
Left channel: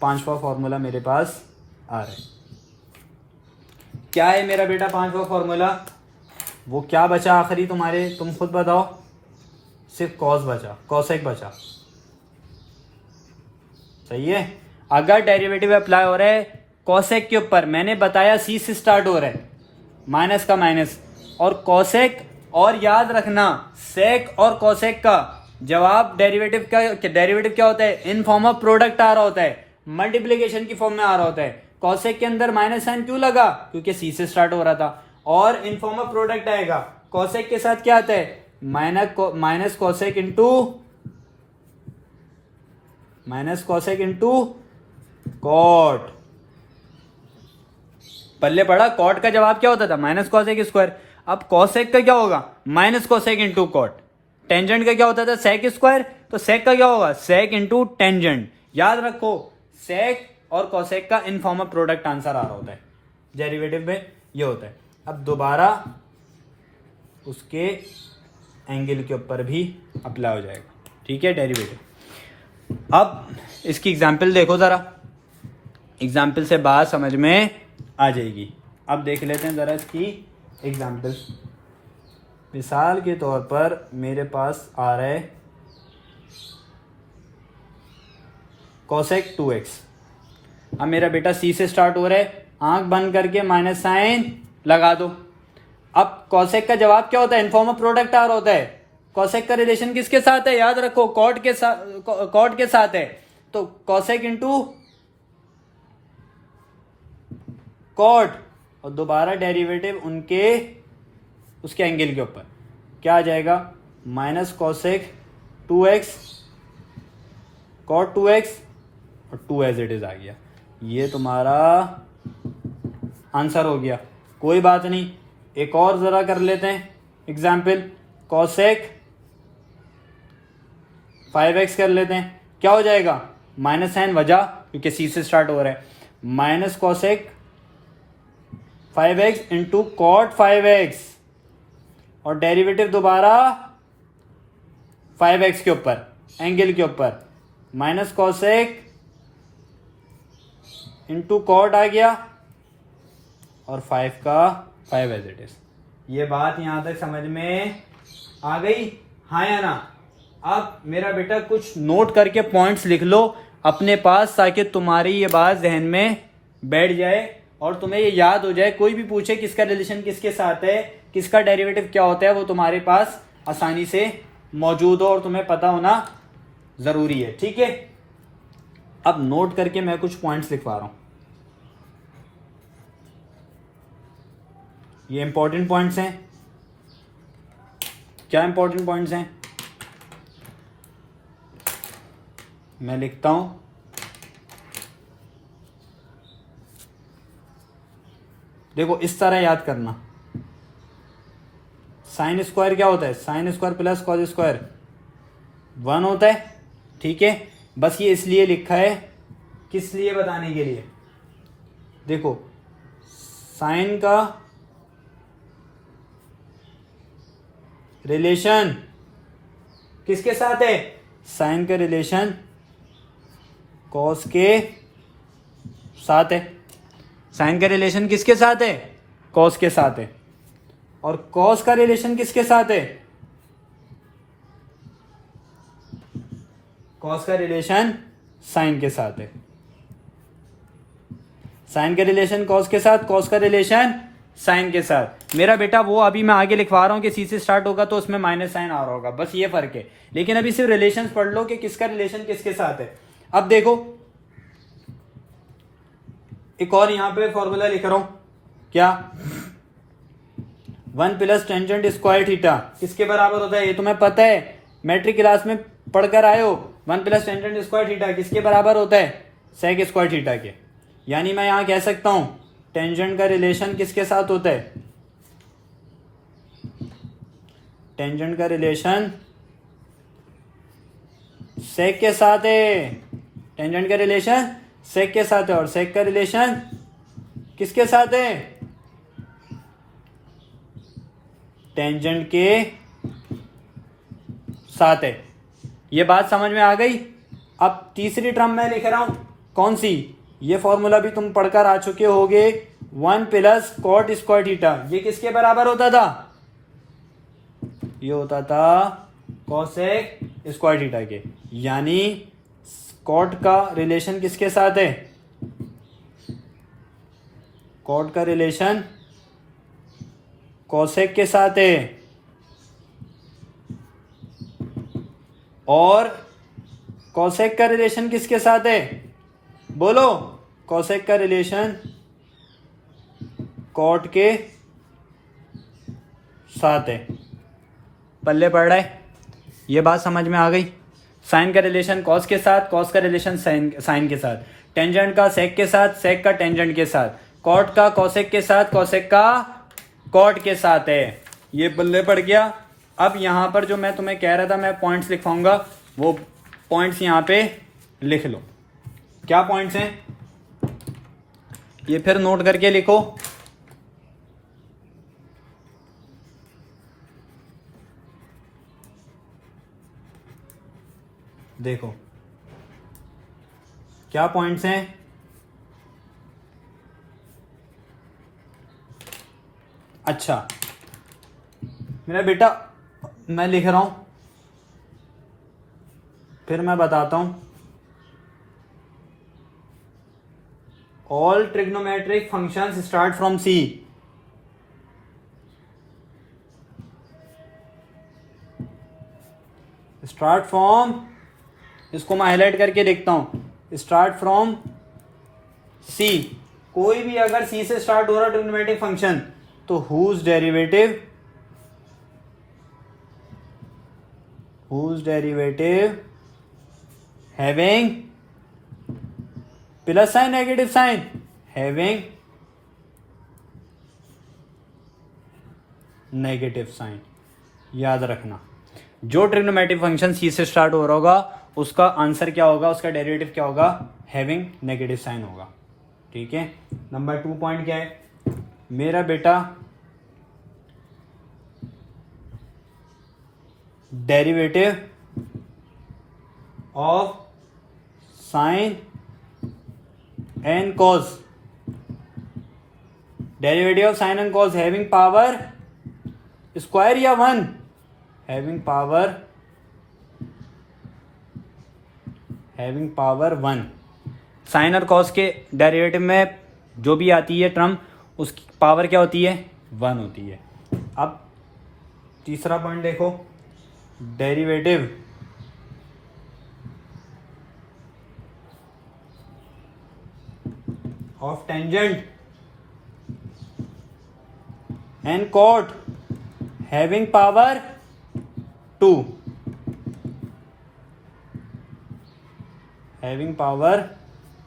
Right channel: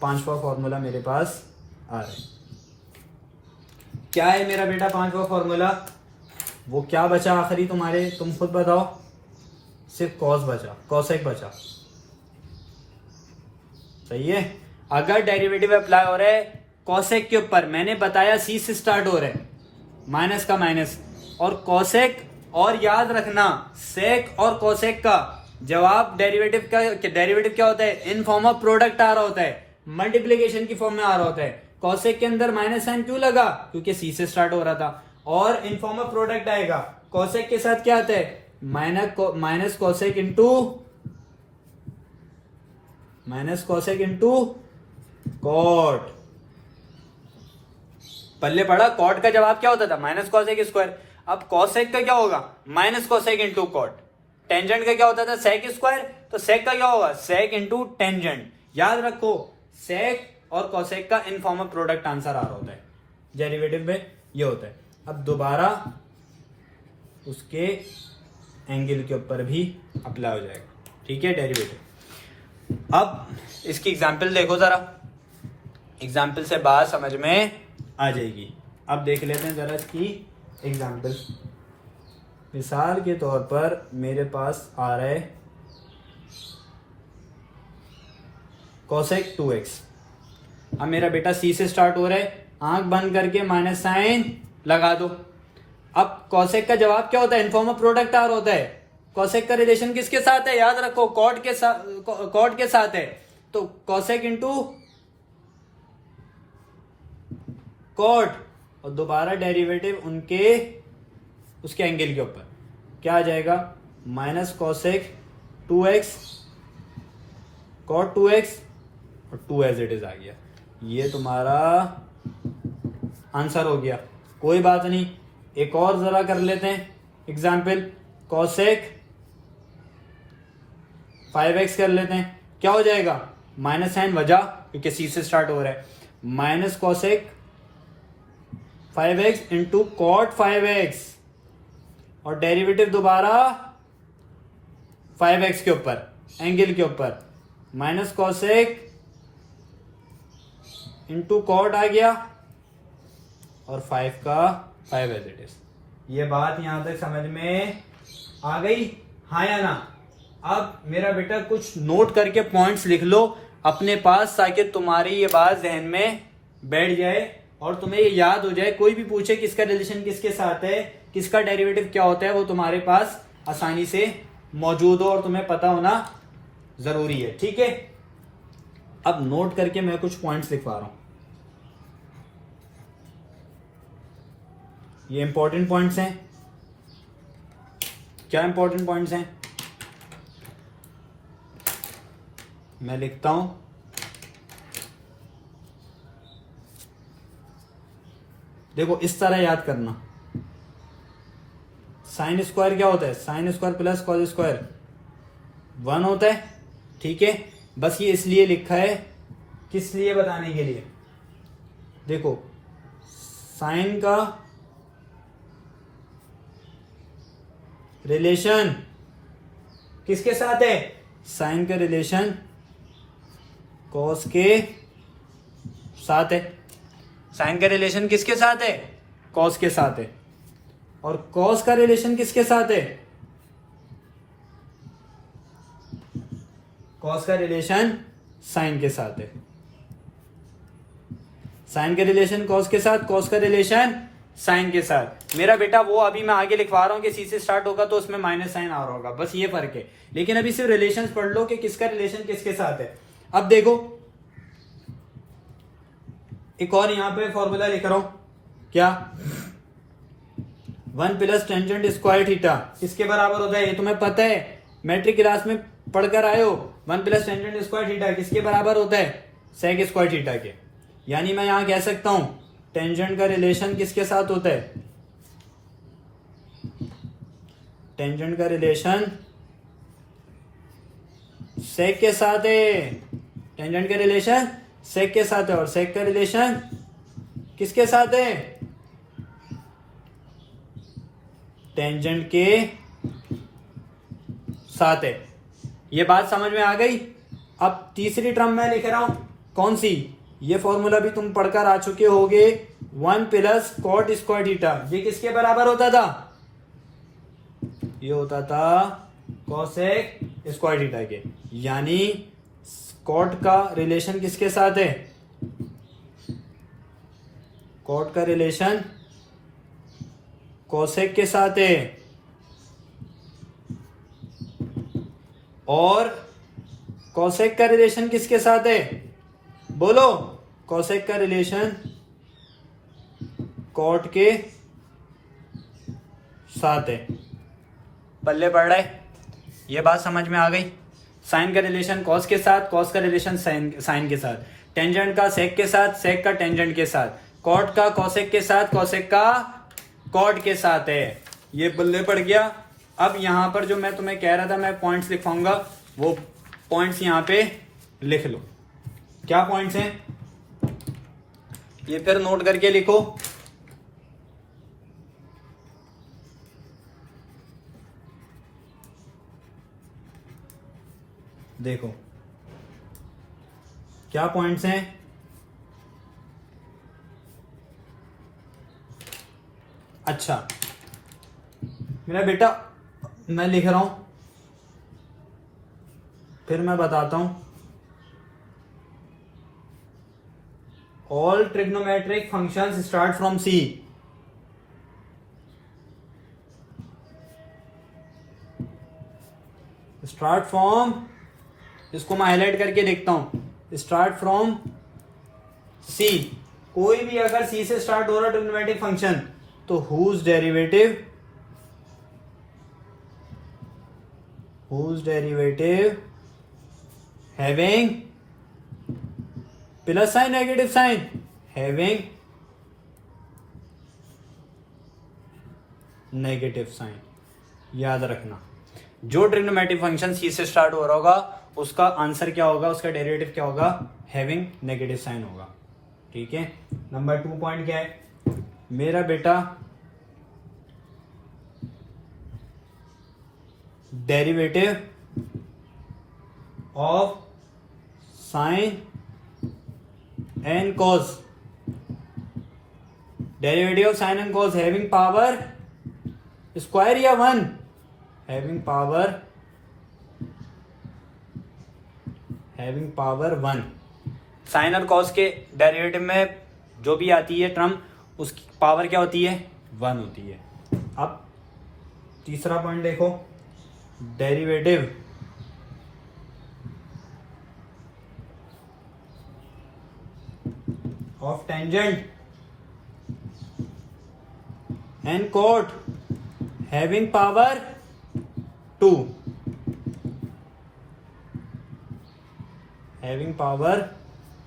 5वां फॉर्मूला मेरे पास आ रहा है। क्या है मेरा बेटा 5वां फॉर्मूला? वो क्या बचा आखिरी तुम्हारे, तुम खुद बताओ। सिर्फ कॉस बचा, कॉसेक बचा, सही है। अगर डेरिवेटिव अप्लाई हो रहा है कॉसेक के ऊपर, मैंने बताया सी से स्टार्ट हो रहा है, माइनस का माइनस और कॉसेक, और याद रखना सेक और कॉसेक का जवाब डेरिवेटिव क्या होता है? इन फॉर्म ऑफ प्रोडक्ट आ रहा होता है, मल्टीप्लीकेशन की फॉर्म में आ रहा होता है। कॉसेक के अंदर माइनस साइन क्यों लगा? क्योंकि सी से स्टार्ट हो रहा था, और इन फॉर्म ऑफ प्रोडक्ट आएगा। कॉसेक के साथ क्या आता है? Minus cosec into cot. पल्ले पड़ा, कॉट का जवाब क्या होता था? Minus cosec square. अब कॉसेक का क्या होगा? Minus cosec into cot. Tangent का क्या होता था? Sec square. तो सेक का क्या होगा? Sec into tangent. याद रखो, सेक और कॉसेक का in form of product answer आ रहा होता है, डेरिवेटिव में ये होता है। अब दोबारा उसके एंगल के ऊपर भी अप्लाई हो जाएगा, ठीक है, डेरिवेटिव। अब इसकी एग्जांपल देखो जरा, एग्जांपल से बात समझ में आ जाएगी। अब देख लेते हैं जरा इसकी एग्जांपल। मिसाल के तौर पर मेरे पास आ रहा है कोसेक 2x। अब मेरा बेटा सी से स्टार्ट हो रहा है, आंख बंद करके माइनस साइन लगा दो। अब कोसेक का जवाब क्या होता है? इन फॉर्म ऑफ प्रोडक्ट आ रहा होता है। कोसेक का रिलेशन किसके साथ है? याद रखो, कॉट के साथ है। तो कोसेक इंटू कॉट, और दोबारा डेरिवेटिव उसके एंगल के ऊपर क्या आ जाएगा? Minus cosec 2x cot 2x और 2 एज इट इज आ गया। ये तुम्हारा आंसर हो गया। कोई बात नहीं, एक और जरा कर लेते हैं एग्जाम्पल। कोसेक 5x कर लेते हैं, क्या हो जाएगा? माइनस साइन वजह, क्योंकि सी से स्टार्ट हो रहा है, minus cosec 5x into cot 5x, और डेरिवेटिव दोबारा 5x के ऊपर एंगल के ऊपर, माइनस कोसेक इंटू कॉट आ गया, और 5 का 5 एज इट इज। ये बात यहां तक समझ में आ गई, हाँ या ना? अब मेरा बेटा कुछ नोट करके पॉइंट्स लिख लो अपने पास, ताकि तुम्हारी ये बात जहन में बैठ जाए और तुम्हें ये याद हो जाए। कोई भी पूछे किसका रिलेशन किसके साथ है, किसका डेरिवेटिव क्या होता है, वो तुम्हारे पास आसानी से मौजूद हो और तुम्हें पता होना जरूरी है, ठीक है। अब नोट करके मैं कुछ पॉइंट्स लिखवा रहा हूं, ये इंपॉर्टेंट पॉइंट्स हैं। क्या इंपॉर्टेंट पॉइंट्स हैं? मैं लिखता हूं, देखो इस तरह याद करना। साइन स्क्वायर क्या होता है? Sine square plus cos square 1 होता है, ठीक है। बस ये इसलिए लिखा है, किस लिए? बताने के लिए। देखो साइन का रिलेशन किसके साथ है? साइन का रिलेशन कॉस के साथ है। साइन का रिलेशन किसके साथ है? कॉस के साथ है। और कॉस का रिलेशन किसके साथ है? कॉस का रिलेशन साइन के साथ है। साइन के रिलेशन कॉस के साथ, कॉस का रिलेशन साइन के साथ। मेरा बेटा वो अभी मैं आगे लिखवा रहा हूं कि सी से स्टार्ट होगा तो उसमें माइनस साइन आ रहा होगा, बस ये फर्क है। लेकिन अभी सिर्फ रिलेशन पढ़ लो कि किसका रिलेशन किसके साथ है। अब देखो एक और यहां पे फॉर्मूला लिख रहा हूं, क्या 1 प्लस टेंजेंट स्क्वायर थीटा किसके बराबर होता है, ये तुम्हें पता है, मैट्रिक क्लास में पढ़कर आए हो। 1 प्लस टेंजेंट स्क्वायर थीटा किसके बराबर होता है, सेक स्क्वायर थीटा के। यानी मैं यहां कह सकता हूं टेंजेंट का रिलेशन किसके साथ होता है, टेंजेंट का रिलेशन सेक के साथ है, टेंजेंट का रिलेशन सेक के साथ है। और सेक का रिलेशन किसके साथ है, टेंजेंट के साथ है। ये बात समझ में आ गई। अब तीसरी टर्म मैं लिख रहा हूं, कौन सी, ये फॉर्मूला भी तुम पढ़कर आ चुके होगे, 1 प्लस कॉट स्क्वायर थीटा, ये किसके बराबर होता था, ये होता था कोसेक स्क्वायर थीटा के। यानी कॉट का रिलेशन किसके साथ है, कॉट का रिलेशन कोसेक के साथ है। और कोसेक का रिलेशन किसके साथ है, बोलो, कोसेक का रिलेशन कॉट के साथ है। पल्ले पड़ रहा है, ये बात समझ में आ गई। साइन का रिलेशन कॉस के साथ, कॉस का रिलेशन साइन के साथ, टेंजेंट का सेक के साथ, सेक का टेंजेंट के साथ, कॉट का कोसेक के साथ, कोसेक का कॉट के साथ है। ये पल्ले पड़ गया। अब यहां पर जो मैं तुम्हें कह रहा था मैं पॉइंट्स लिखवाऊंगा, वो पॉइंट्स यहां पे लिख लो। क्या पॉइंट्स हैं ये फिर नोट करके लिखो। देखो क्या पॉइंट्स हैं, अच्छा मेरा बेटा मैं लिख रहा हूं, फिर मैं बताता हूं। All trigonometric functions start from C. Start from, इसको मैं हाईलाइट करके लिखता हूं, स्टार्ट फ्रॉम सी। कोई भी अगर सी से स्टार्ट हो रहा है ट्रिग्नोमेट्रिक फंक्शन, तो whose derivative having plus sign negative sign, having negative sign. याद रखना जो ट्रिग्नोमेट्रिक फंक्शन सी से स्टार्ट हो रहा होगा उसका आंसर क्या होगा, उसका डेरिवेटिव क्या होगा, हैविंग नेगेटिव साइन होगा। ठीक है। नंबर 2 पॉइंट क्या है मेरा बेटा, derivative of sine and cos, derivative of sine and cos having power square या 1, हैविंग पावर 1। साइन और कॉस के डेरिवेटिव में जो भी आती है टर्म उसकी पावर क्या होती है, 1 होती है। अब तीसरा पॉइंट देखो, derivative of tangent and cot having power 2, having power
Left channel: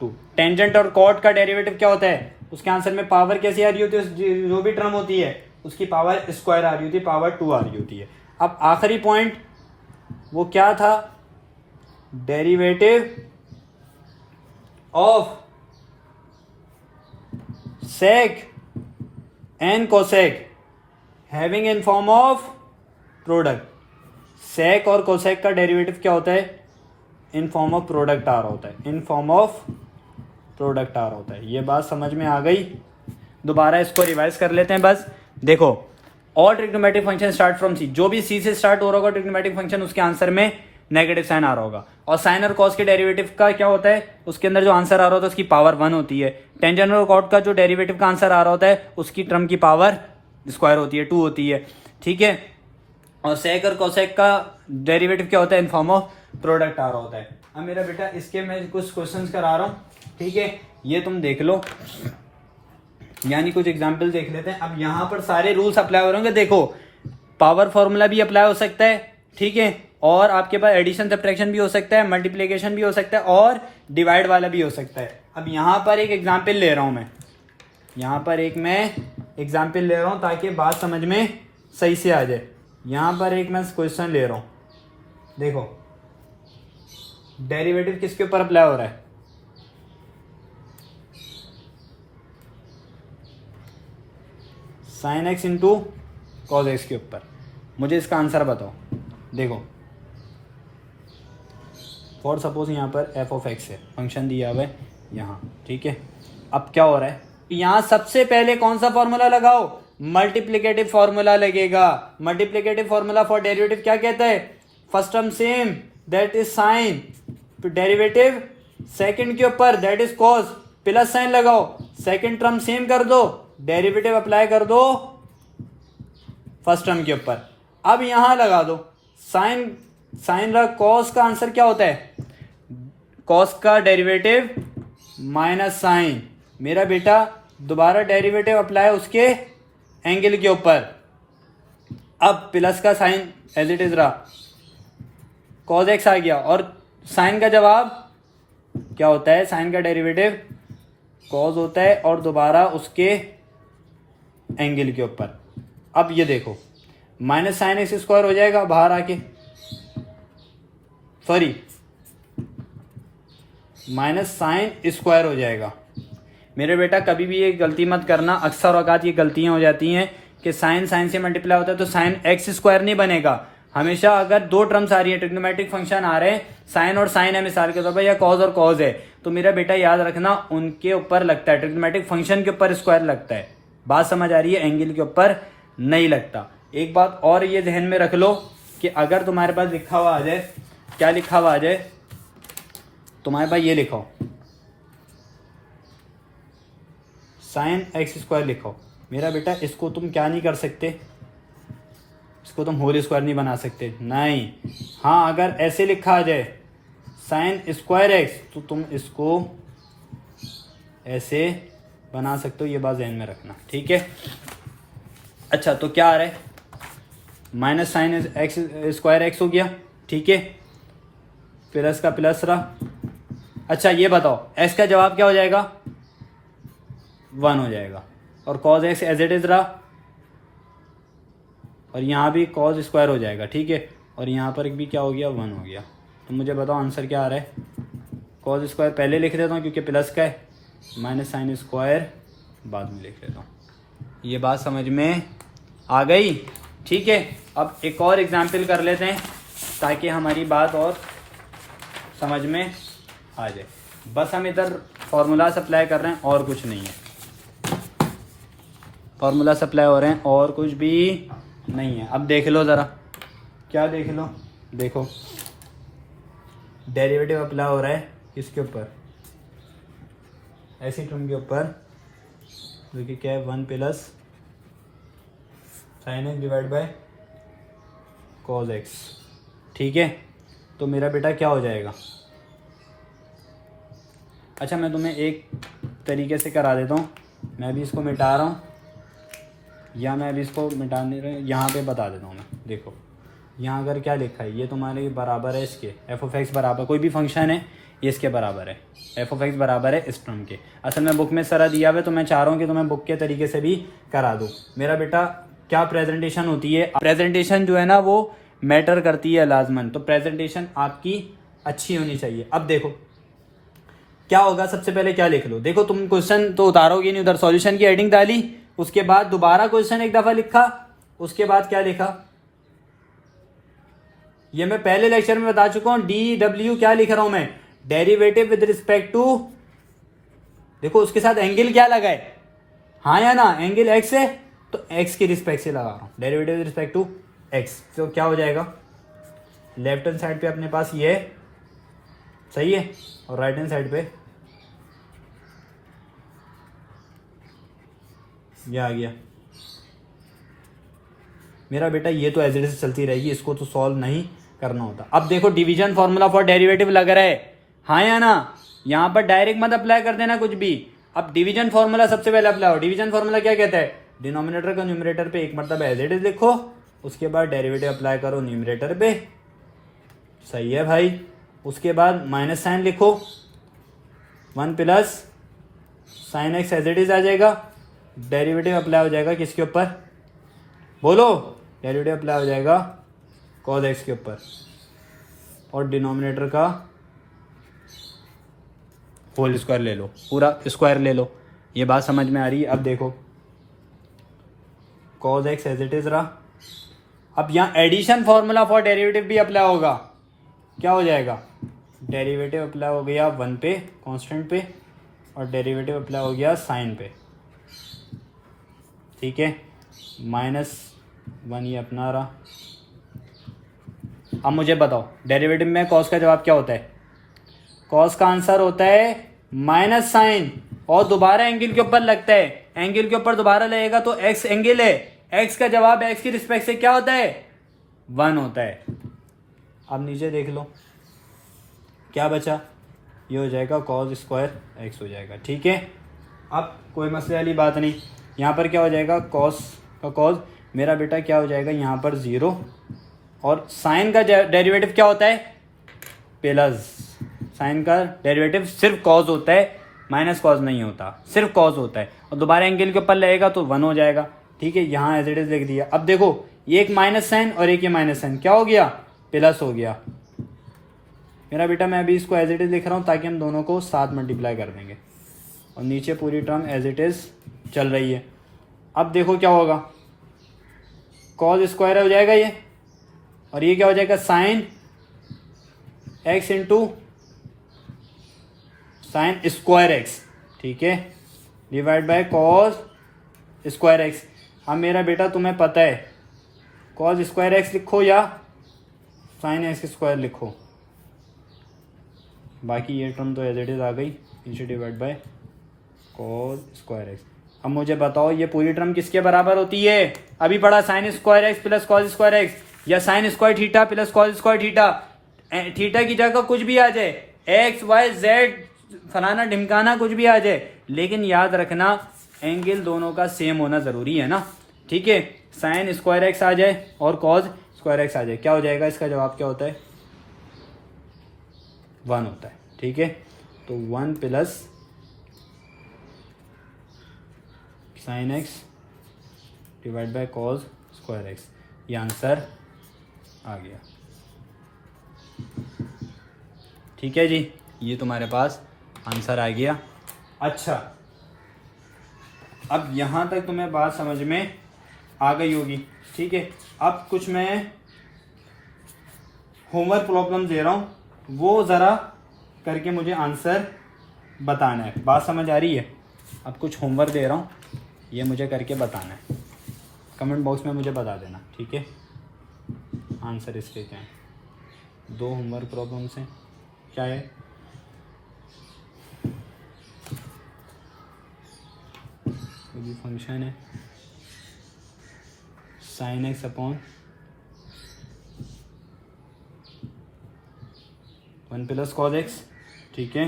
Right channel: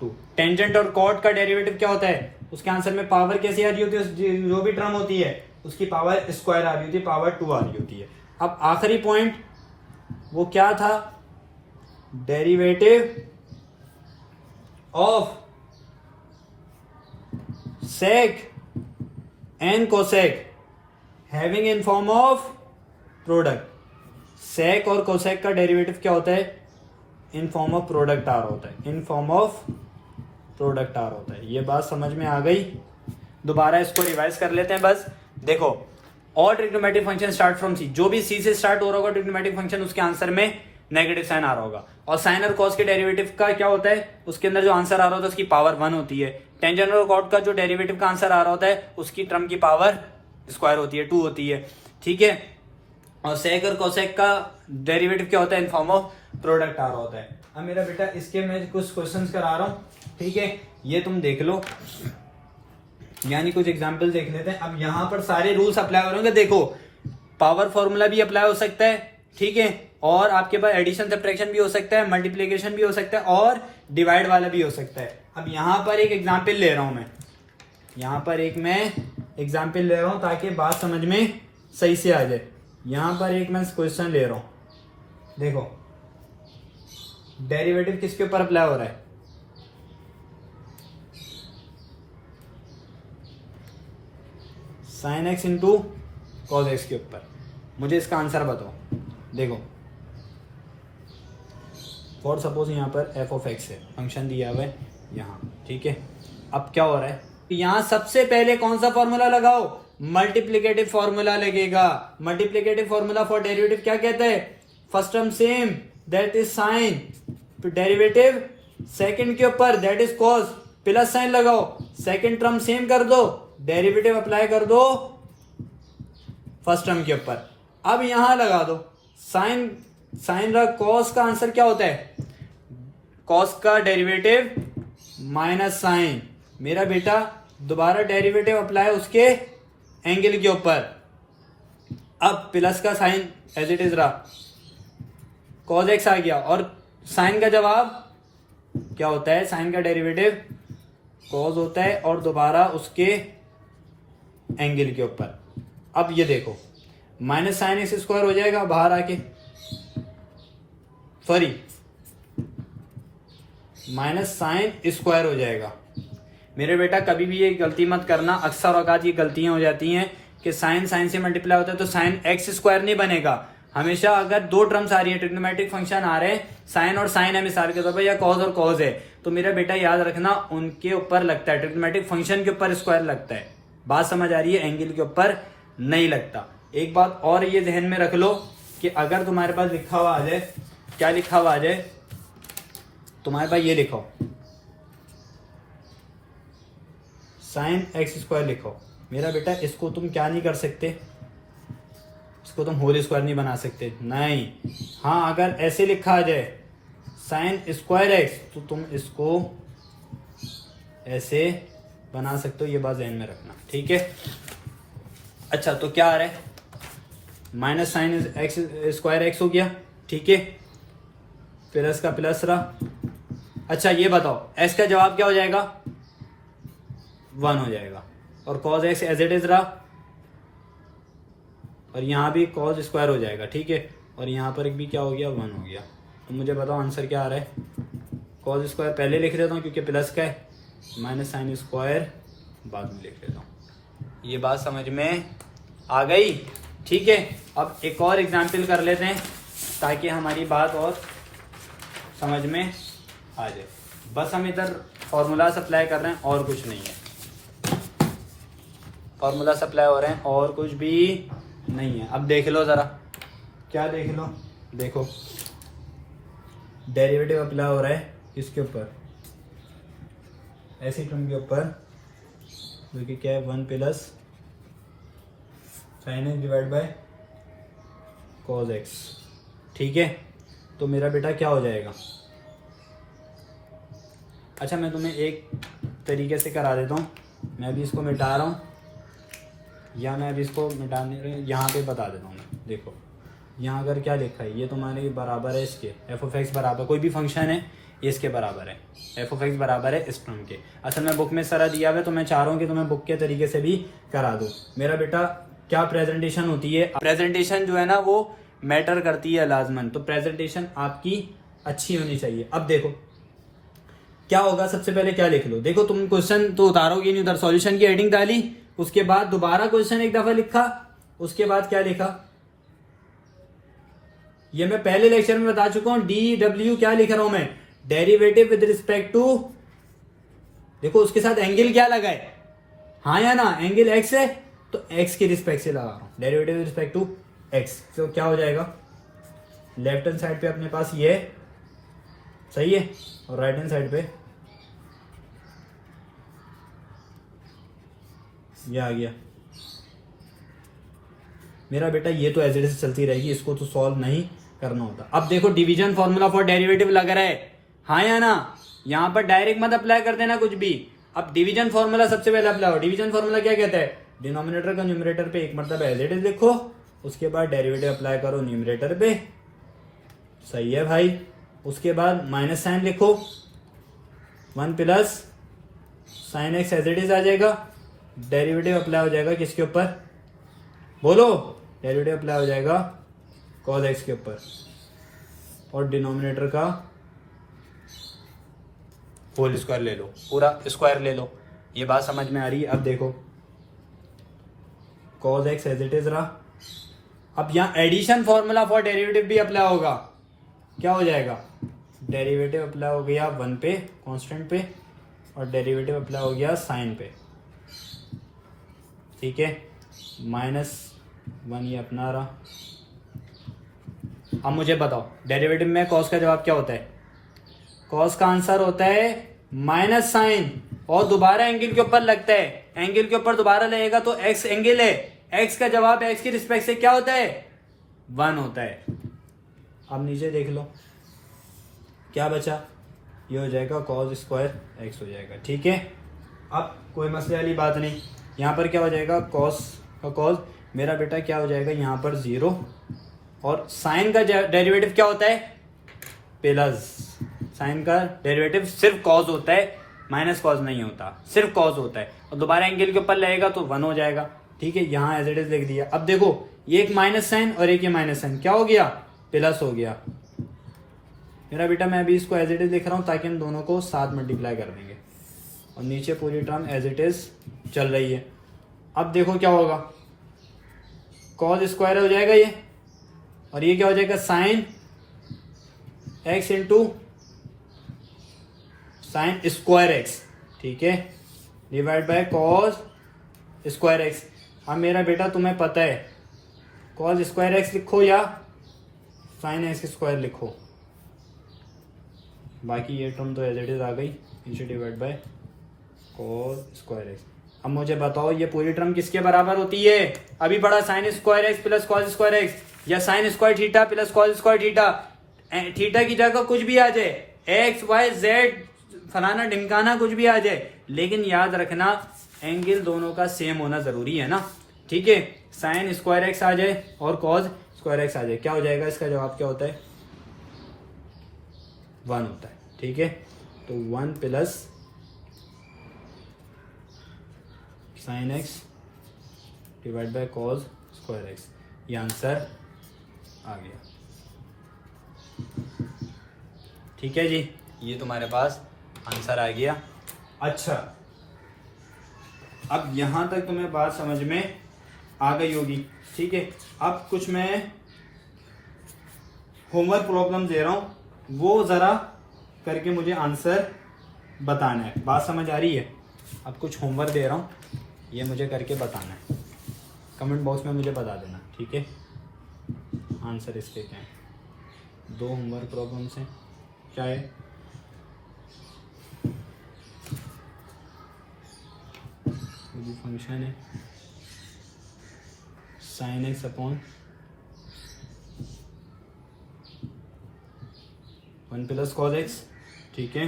2। Tangent और कॉट का डेरिवेटिव क्या होता है, उसके आंसर में पावर कैसी आ रही होती है, जो भी टर्म होती है उसकी पावर स्क्वायर आ रही होती है, पावर 2 आ रही होती है। अब आखिरी पॉइंट वो क्या था, derivative of sec and cosec having in form of product. Sec और कोसेक का डेरिवेटिव क्या होता है, इन फॉर्म ऑफ प्रोडक्ट आ रहा होता है, इन फॉर्म ऑफ प्रोडक्ट आ रहा होता है। ये बात समझ में आ गई। दोबारा इसको रिवाइज कर लेते हैं। बस देखो, all trigonometric function start from C, जो भी सी से स्टार्ट हो रहा होगा ट्रिग्नोमेट्रिक फंक्शन उसके आंसर में नेगेटिव साइन आ रहा होगा। और साइन और कॉस के डेरिवेटिव का क्या होता है, उसके अंदर जो आंसर आ रहा होता है उसकी पावर 1 होती है। टेंजेंट और कॉट का जो डेरिवेटिव का आंसर आ रहा होता है उसकी टर्म की पावर स्क्वायर होती है, 2 होती है, ठीक है। और सेक और कोसेक का डेरिवेटिव क्या होता है, इन फॉर्म ऑफ प्रोडक्ट आ रहा होता है। अब मेरा बेटा इसके मैं कुछ क्वेश्चंस करा रहा हूँ, ठीक है, ये तुम देख लो, यानी कुछ एग्जांपल देख लेते हैं। अब यहाँ पर सारे रूल्स अप्लाई हो रहे होंगे। देखो पावर फॉर्मूला भी अप्लाई हो सकता है, ठीक है, और आपके पास एडिशन सब्ट्रैक्शन भी हो सकता है, मल्टीप्लिकेशन भी हो सकता है और डिवाइड वाला भी हो सकता है। अब यहाँ पर एक एग्जाम्पल ले रहा हूं मैं, यहाँ पर एक मैं एग्जाम्पल ले रहा हूं ताकि बात समझ में सही से आ जाए। यहाँ पर एक मैं क्वेश्चन ले रहा हूं, देखो डेरिवेटिव किसके ऊपर अप्लाई हो रहा है, sine x into cos x के ऊपर। मुझे इसका आंसर बताओ। देखो फॉर सपोज यहाँ पर एफ ऑफ एक्स है, फंक्शन दिया हुआ है यहाँ, ठीक है। अब क्या हो रहा है, यहाँ सबसे पहले कौन सा फॉर्मूला लगाओ, मल्टीप्लिकेटिव फॉर्मूला लगेगा। मल्टीप्लिकेटिव फॉर्मूला फॉर डेरिवेटिव क्या कहता है, first term same that is sine, तो डेरिवेटिव सेकंड के ऊपर that is cos, plus sign लगाओ, सेकंड टर्म सेम कर दो, डेरिवेटिव अप्लाई कर दो फर्स्ट टर्म के ऊपर। अब यहां लगा दो साइन, साइन कॉस का आंसर क्या होता है, कॉस का डेरिवेटिव माइनस साइन। मेरा बेटा दोबारा डेरिवेटिव अप्लाई उसके एंगल के ऊपर। अब प्लस का साइन एज इट इज रहा, कॉस एक्स आ गया, और साइन का जवाब क्या होता है, साइन का डेरिवेटिव कॉस होता है और दोबारा उसके एंगल के ऊपर। अब ये देखो माइनस साइन एक्स स्क्वायर हो जाएगा बाहर आके, सॉरी माइनस साइन स्क्वायर हो जाएगा। मेरे बेटा कभी भी ये गलती मत करना, अक्सर औकात ये गलतियां हो जाती हैं कि साइन साइन से मल्टीप्लाई होता है तो साइन एक्स स्क्वायर नहीं बनेगा। हमेशा अगर दो टर्म्स आ रही है, ट्रिग्नोमेट्रिक फंक्शन आ रहे हैं, साइन और साइन है मिसाल के तौर पर, या कॉस और कॉस है, तो मेरा बेटा याद रखना उनके ऊपर लगता है, ट्रिग्नोमेट्रिक फंक्शन के ऊपर स्क्वायर लगता है। बात समझ आ रही है, एंगल के ऊपर नहीं लगता। एक बात और ये ध्यान में रख लो कि अगर तुम्हारे पास लिखा हुआ आ जाए, क्या लिखा हुआ आ जाए, तुम्हारे पास ये लिखो साइन एक्स स्क्वायर लिखो, मेरा बेटा इसको तुम क्या नहीं कर सकते, इसको तुम होल स्क्वायर नहीं बना सकते, नहीं। हाँ अगर ऐसे लिखा आ जाए साइन स्क्वायर एक्स, तो तुम इसको ऐसे बना सकते हो, ये बात ध्यान में रखना, ठीक है। अच्छा तो क्या आ रहा है, minus sine x square x हो गया, ठीक है, प्लस का प्लस रहा। अच्छा ये बताओ एक्स का जवाब क्या हो जाएगा, 1 हो जाएगा, और cos x as it is रहा, और यहां भी कॉस स्क्वायर हो जाएगा, ठीक है, और यहां पर भी क्या हो गया, 1 हो गया। तो मुझे बताओ आंसर क्या आ रहा है, कॉस स्क्वायर पहले लिख देता हूं क्योंकि प्लस का है, माइनस साइन स्क्वायर बाद में लिख देता हूं। ये बात समझ में आ गई, ठीक है। अब एक और एग्जाम्पल कर लेते हैं ताकि हमारी बात और समझ में आ जाए। बस हम इधर फॉर्मूला अप्लाई कर रहे हैं और कुछ नहीं है, फॉर्मूला अप्लाई हो रहे हैं और कुछ भी नहीं है। अब देख लो जरा, क्या देख लो, देखो डेरिवेटिव अप्लाई हो रहा है किसके ऊपर, ऐसी टर्म के ऊपर, देखिए क्या है, 1 plus sine x divide by cos x, ठीक है। तो मेरा बेटा क्या हो जाएगा, अच्छा मैं तुम्हें एक तरीके से करा देता हूँ, मैं भी इसको मिटा रहा हूँ, या मैं अभी इसको मिटा नहीं रहा, यहाँ पे बता देता हूँ मैं। देखो यहाँ अगर क्या लिखा है, ये तुम्हारे बराबर है इसके, एफ ऑफ एक्स बराबर, कोई भी फंक्शन है ये इसके बराबर है, एफ ऑफ एक्स बराबर है इस टर्म के। असल में बुक में सारा दिया हुआ है, तो मैं चाह रहा हूँ कि तुम्हें बुक के तरीके से भी करा दो। मेरा बेटा क्या प्रेजेंटेशन होती है, प्रेजेंटेशन जो है ना वो मैटर करती है लाजमन, तो प्रेजेंटेशन आपकी अच्छी होनी चाहिए। अब देखो क्या होगा, सबसे पहले क्या लिख लो, देखो तुम क्वेश्चन तो उतारोगे नहीं, उधर सॉल्यूशन की हेडिंग डाली, उसके बाद दोबारा क्वेश्चन एक दफा लिखा, उसके बाद क्या लिखा, ये मैं पहले लेक्चर में बता चुका हूं, डी डब्ल्यू क्या लिख रहा हूं मैं, डेरिवेटिव विद रिस्पेक्ट टू, देखो उसके साथ एंगल क्या लगा है, हाँ या ना, एंगल एक्स है तो एक्स की रिस्पेक्ट से लगा रहा हूं, derivative with respect to x, तो क्या हो जाएगा लेफ्ट हैंड साइड पे अपने पास ये है, सही है, और राइट हैंड साइड पे ये आ गया। मेरा बेटा ये तो एज इट इज चलती रहेगी, इसको तो सॉल्व नहीं करना होता। अब देखो डिवीजन फॉर्मूला फॉर डेरिवेटिव लग रहा है, हाँ या ना? यहाँ पर डायरेक्ट मत अप्लाई कर देना कुछ भी। अब डिवीजन फॉर्मूला सबसे पहले अप्लाई हो। डिवीजन फॉर्मूला क्या कहता है? डिनोमिनेटर को न्यूमरेटर पे एक मरतबा एज इट इज लिखो, उसके बाद डेरिवेटिव अप्लाई करो न्यूमरेटर पे, सही है भाई। उसके बाद माइनस साइन लिखो, 1 plus sine x as it is आ जाएगा। डेरिवेटिव अप्लाई हो जाएगा किसके ऊपर? बोलो। डेरिवेटिव अप्लाई हो जाएगा कॉस एक्स के ऊपर, और डिनोमिनेटर का होल स्क्वायर ले लो, पूरा स्क्वायर ले लो। ये बात समझ में आ रही है? अब देखो cos x as it is रहा। अब यहाँ एडिशन फॉर्मूला फॉर डेरिवेटिव भी अप्लाई होगा। क्या हो जाएगा? डेरिवेटिव अप्लाई हो गया 1 पे कांस्टेंट पे, और डेरिवेटिव अप्लाई हो गया साइन पे, ठीक है। -1 ये अपना रहा। अब मुझे बताओ डेरिवेटिव में कॉस का जवाब क्या होता है? कॉस का आंसर होता है माइनस साइन, और दोबारा एंगल के ऊपर लगता है। एंगल के ऊपर दोबारा लगेगा तो एक्स एंगल है, एक्स का जवाब एक्स की रिस्पेक्ट से क्या होता है? 1 होता है। अब नीचे देख लो क्या बचा, ये हो जाएगा कॉस स्क्वायर एक्स हो जाएगा, ठीक है। अब कोई मसले वाली बात नहीं। यहाँ पर क्या हो जाएगा? कॉस का कॉस, मेरा बेटा क्या हो जाएगा यहाँ पर 0, और साइन का डेरिवेटिव क्या होता है? प्लस। साइन का डेरिवेटिव सिर्फ कॉस होता है, माइनस कॉस नहीं होता, सिर्फ कॉस होता है। और दोबारा एंगल के ऊपर लगेगा तो 1 हो जाएगा, ठीक है। यहाँ एज इट इज लिख दिया। अब देखो ये एक माइनस साइन और एक ये माइनस साइन, क्या हो गया? प्लस हो गया। मेरा बेटा मैं अभी इसको एज इट इज लिख रहा हूँ ताकि हम दोनों को साथ मल्टीप्लाई कर देंगे, और नीचे पूरी टर्म एज इट इज चल रही है। अब देखो क्या होगा? कॉस स्क्वायर हो जाएगा ये, और ये क्या हो जाएगा? Sine x into sine square x, ठीक है, divide by cos square x. अब मेरा बेटा तुम्हें पता है कॉस स्क्वायर एक्स लिखो या साइन एक्स स्क्वायर लिखो, बाकी ये टर्म तो एज इट इज आ गई, नीचे divide by cos square x. अब मुझे बताओ ये पूरी टर्म किसके बराबर होती है? अभी पढ़ा sine square x plus cos square x, या sine square theta plus cos square theta. Theta की जगह कुछ भी आ जाए, एक्स वाई जेड फलाना ढिमकाना कुछ भी आ जाए, लेकिन याद रखना एंगल दोनों का सेम होना जरूरी है ना, ठीक है। साइन स्क्वायर एक्स आ जाए और कॉस स्क्वायर एक्स आ जाए, क्या हो जाएगा? इसका जवाब क्या होता है? 1 होता है, ठीक है। तो 1 plus sine x divide by cos square x, ये आंसर आ गया, ठीक है जी। ये तुम्हारे पास आंसर आ गया। अच्छा, अब यहां तक तुम्हें बात समझ में आ गई होगी, ठीक है। अब कुछ मैं होमवर्क प्रॉब्लम दे रहा हूं, वो जरा करके मुझे आंसर बताना है। बात समझ आ रही है? अब कुछ होमवर्क दे रहा हूं, ये मुझे करके बताना है, कमेंट बॉक्स में मुझे बता देना, ठीक है। आंसर इसके क्या है? 2 होमवर्क प्रॉब्लम्स हैं, क्या है? फंक्शन है sine x upon 1 plus cos x, ठीक है।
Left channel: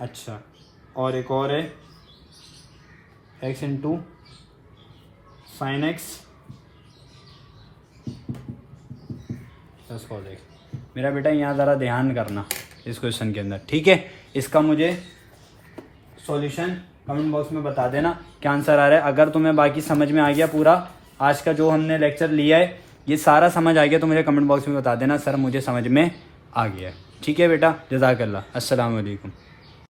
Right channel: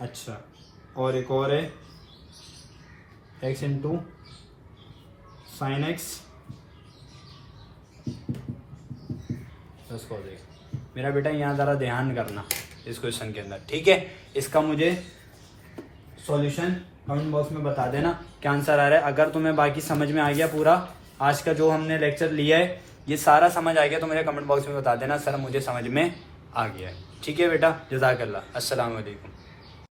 अच्छा, और एक और है x into sine x plus cos x. मेरा बेटा यहाँ ज़रा ध्यान करना इस क्वेश्चन के अंदर, ठीक है। इसका मुझे सॉल्यूशन कमेंट बॉक्स में बता देना क्या आंसर आ रहा है। अगर तुम्हें बाकी समझ में आ गया, पूरा आज का जो हमने लेक्चर लिया है ये सारा समझ आ गया, तो मुझे कमेंट बॉक्स में बता देना सर मुझे समझ में आ गया है, ठीक है बेटा। जज़ाकल्लाह, अस्सलाम वालेकुम।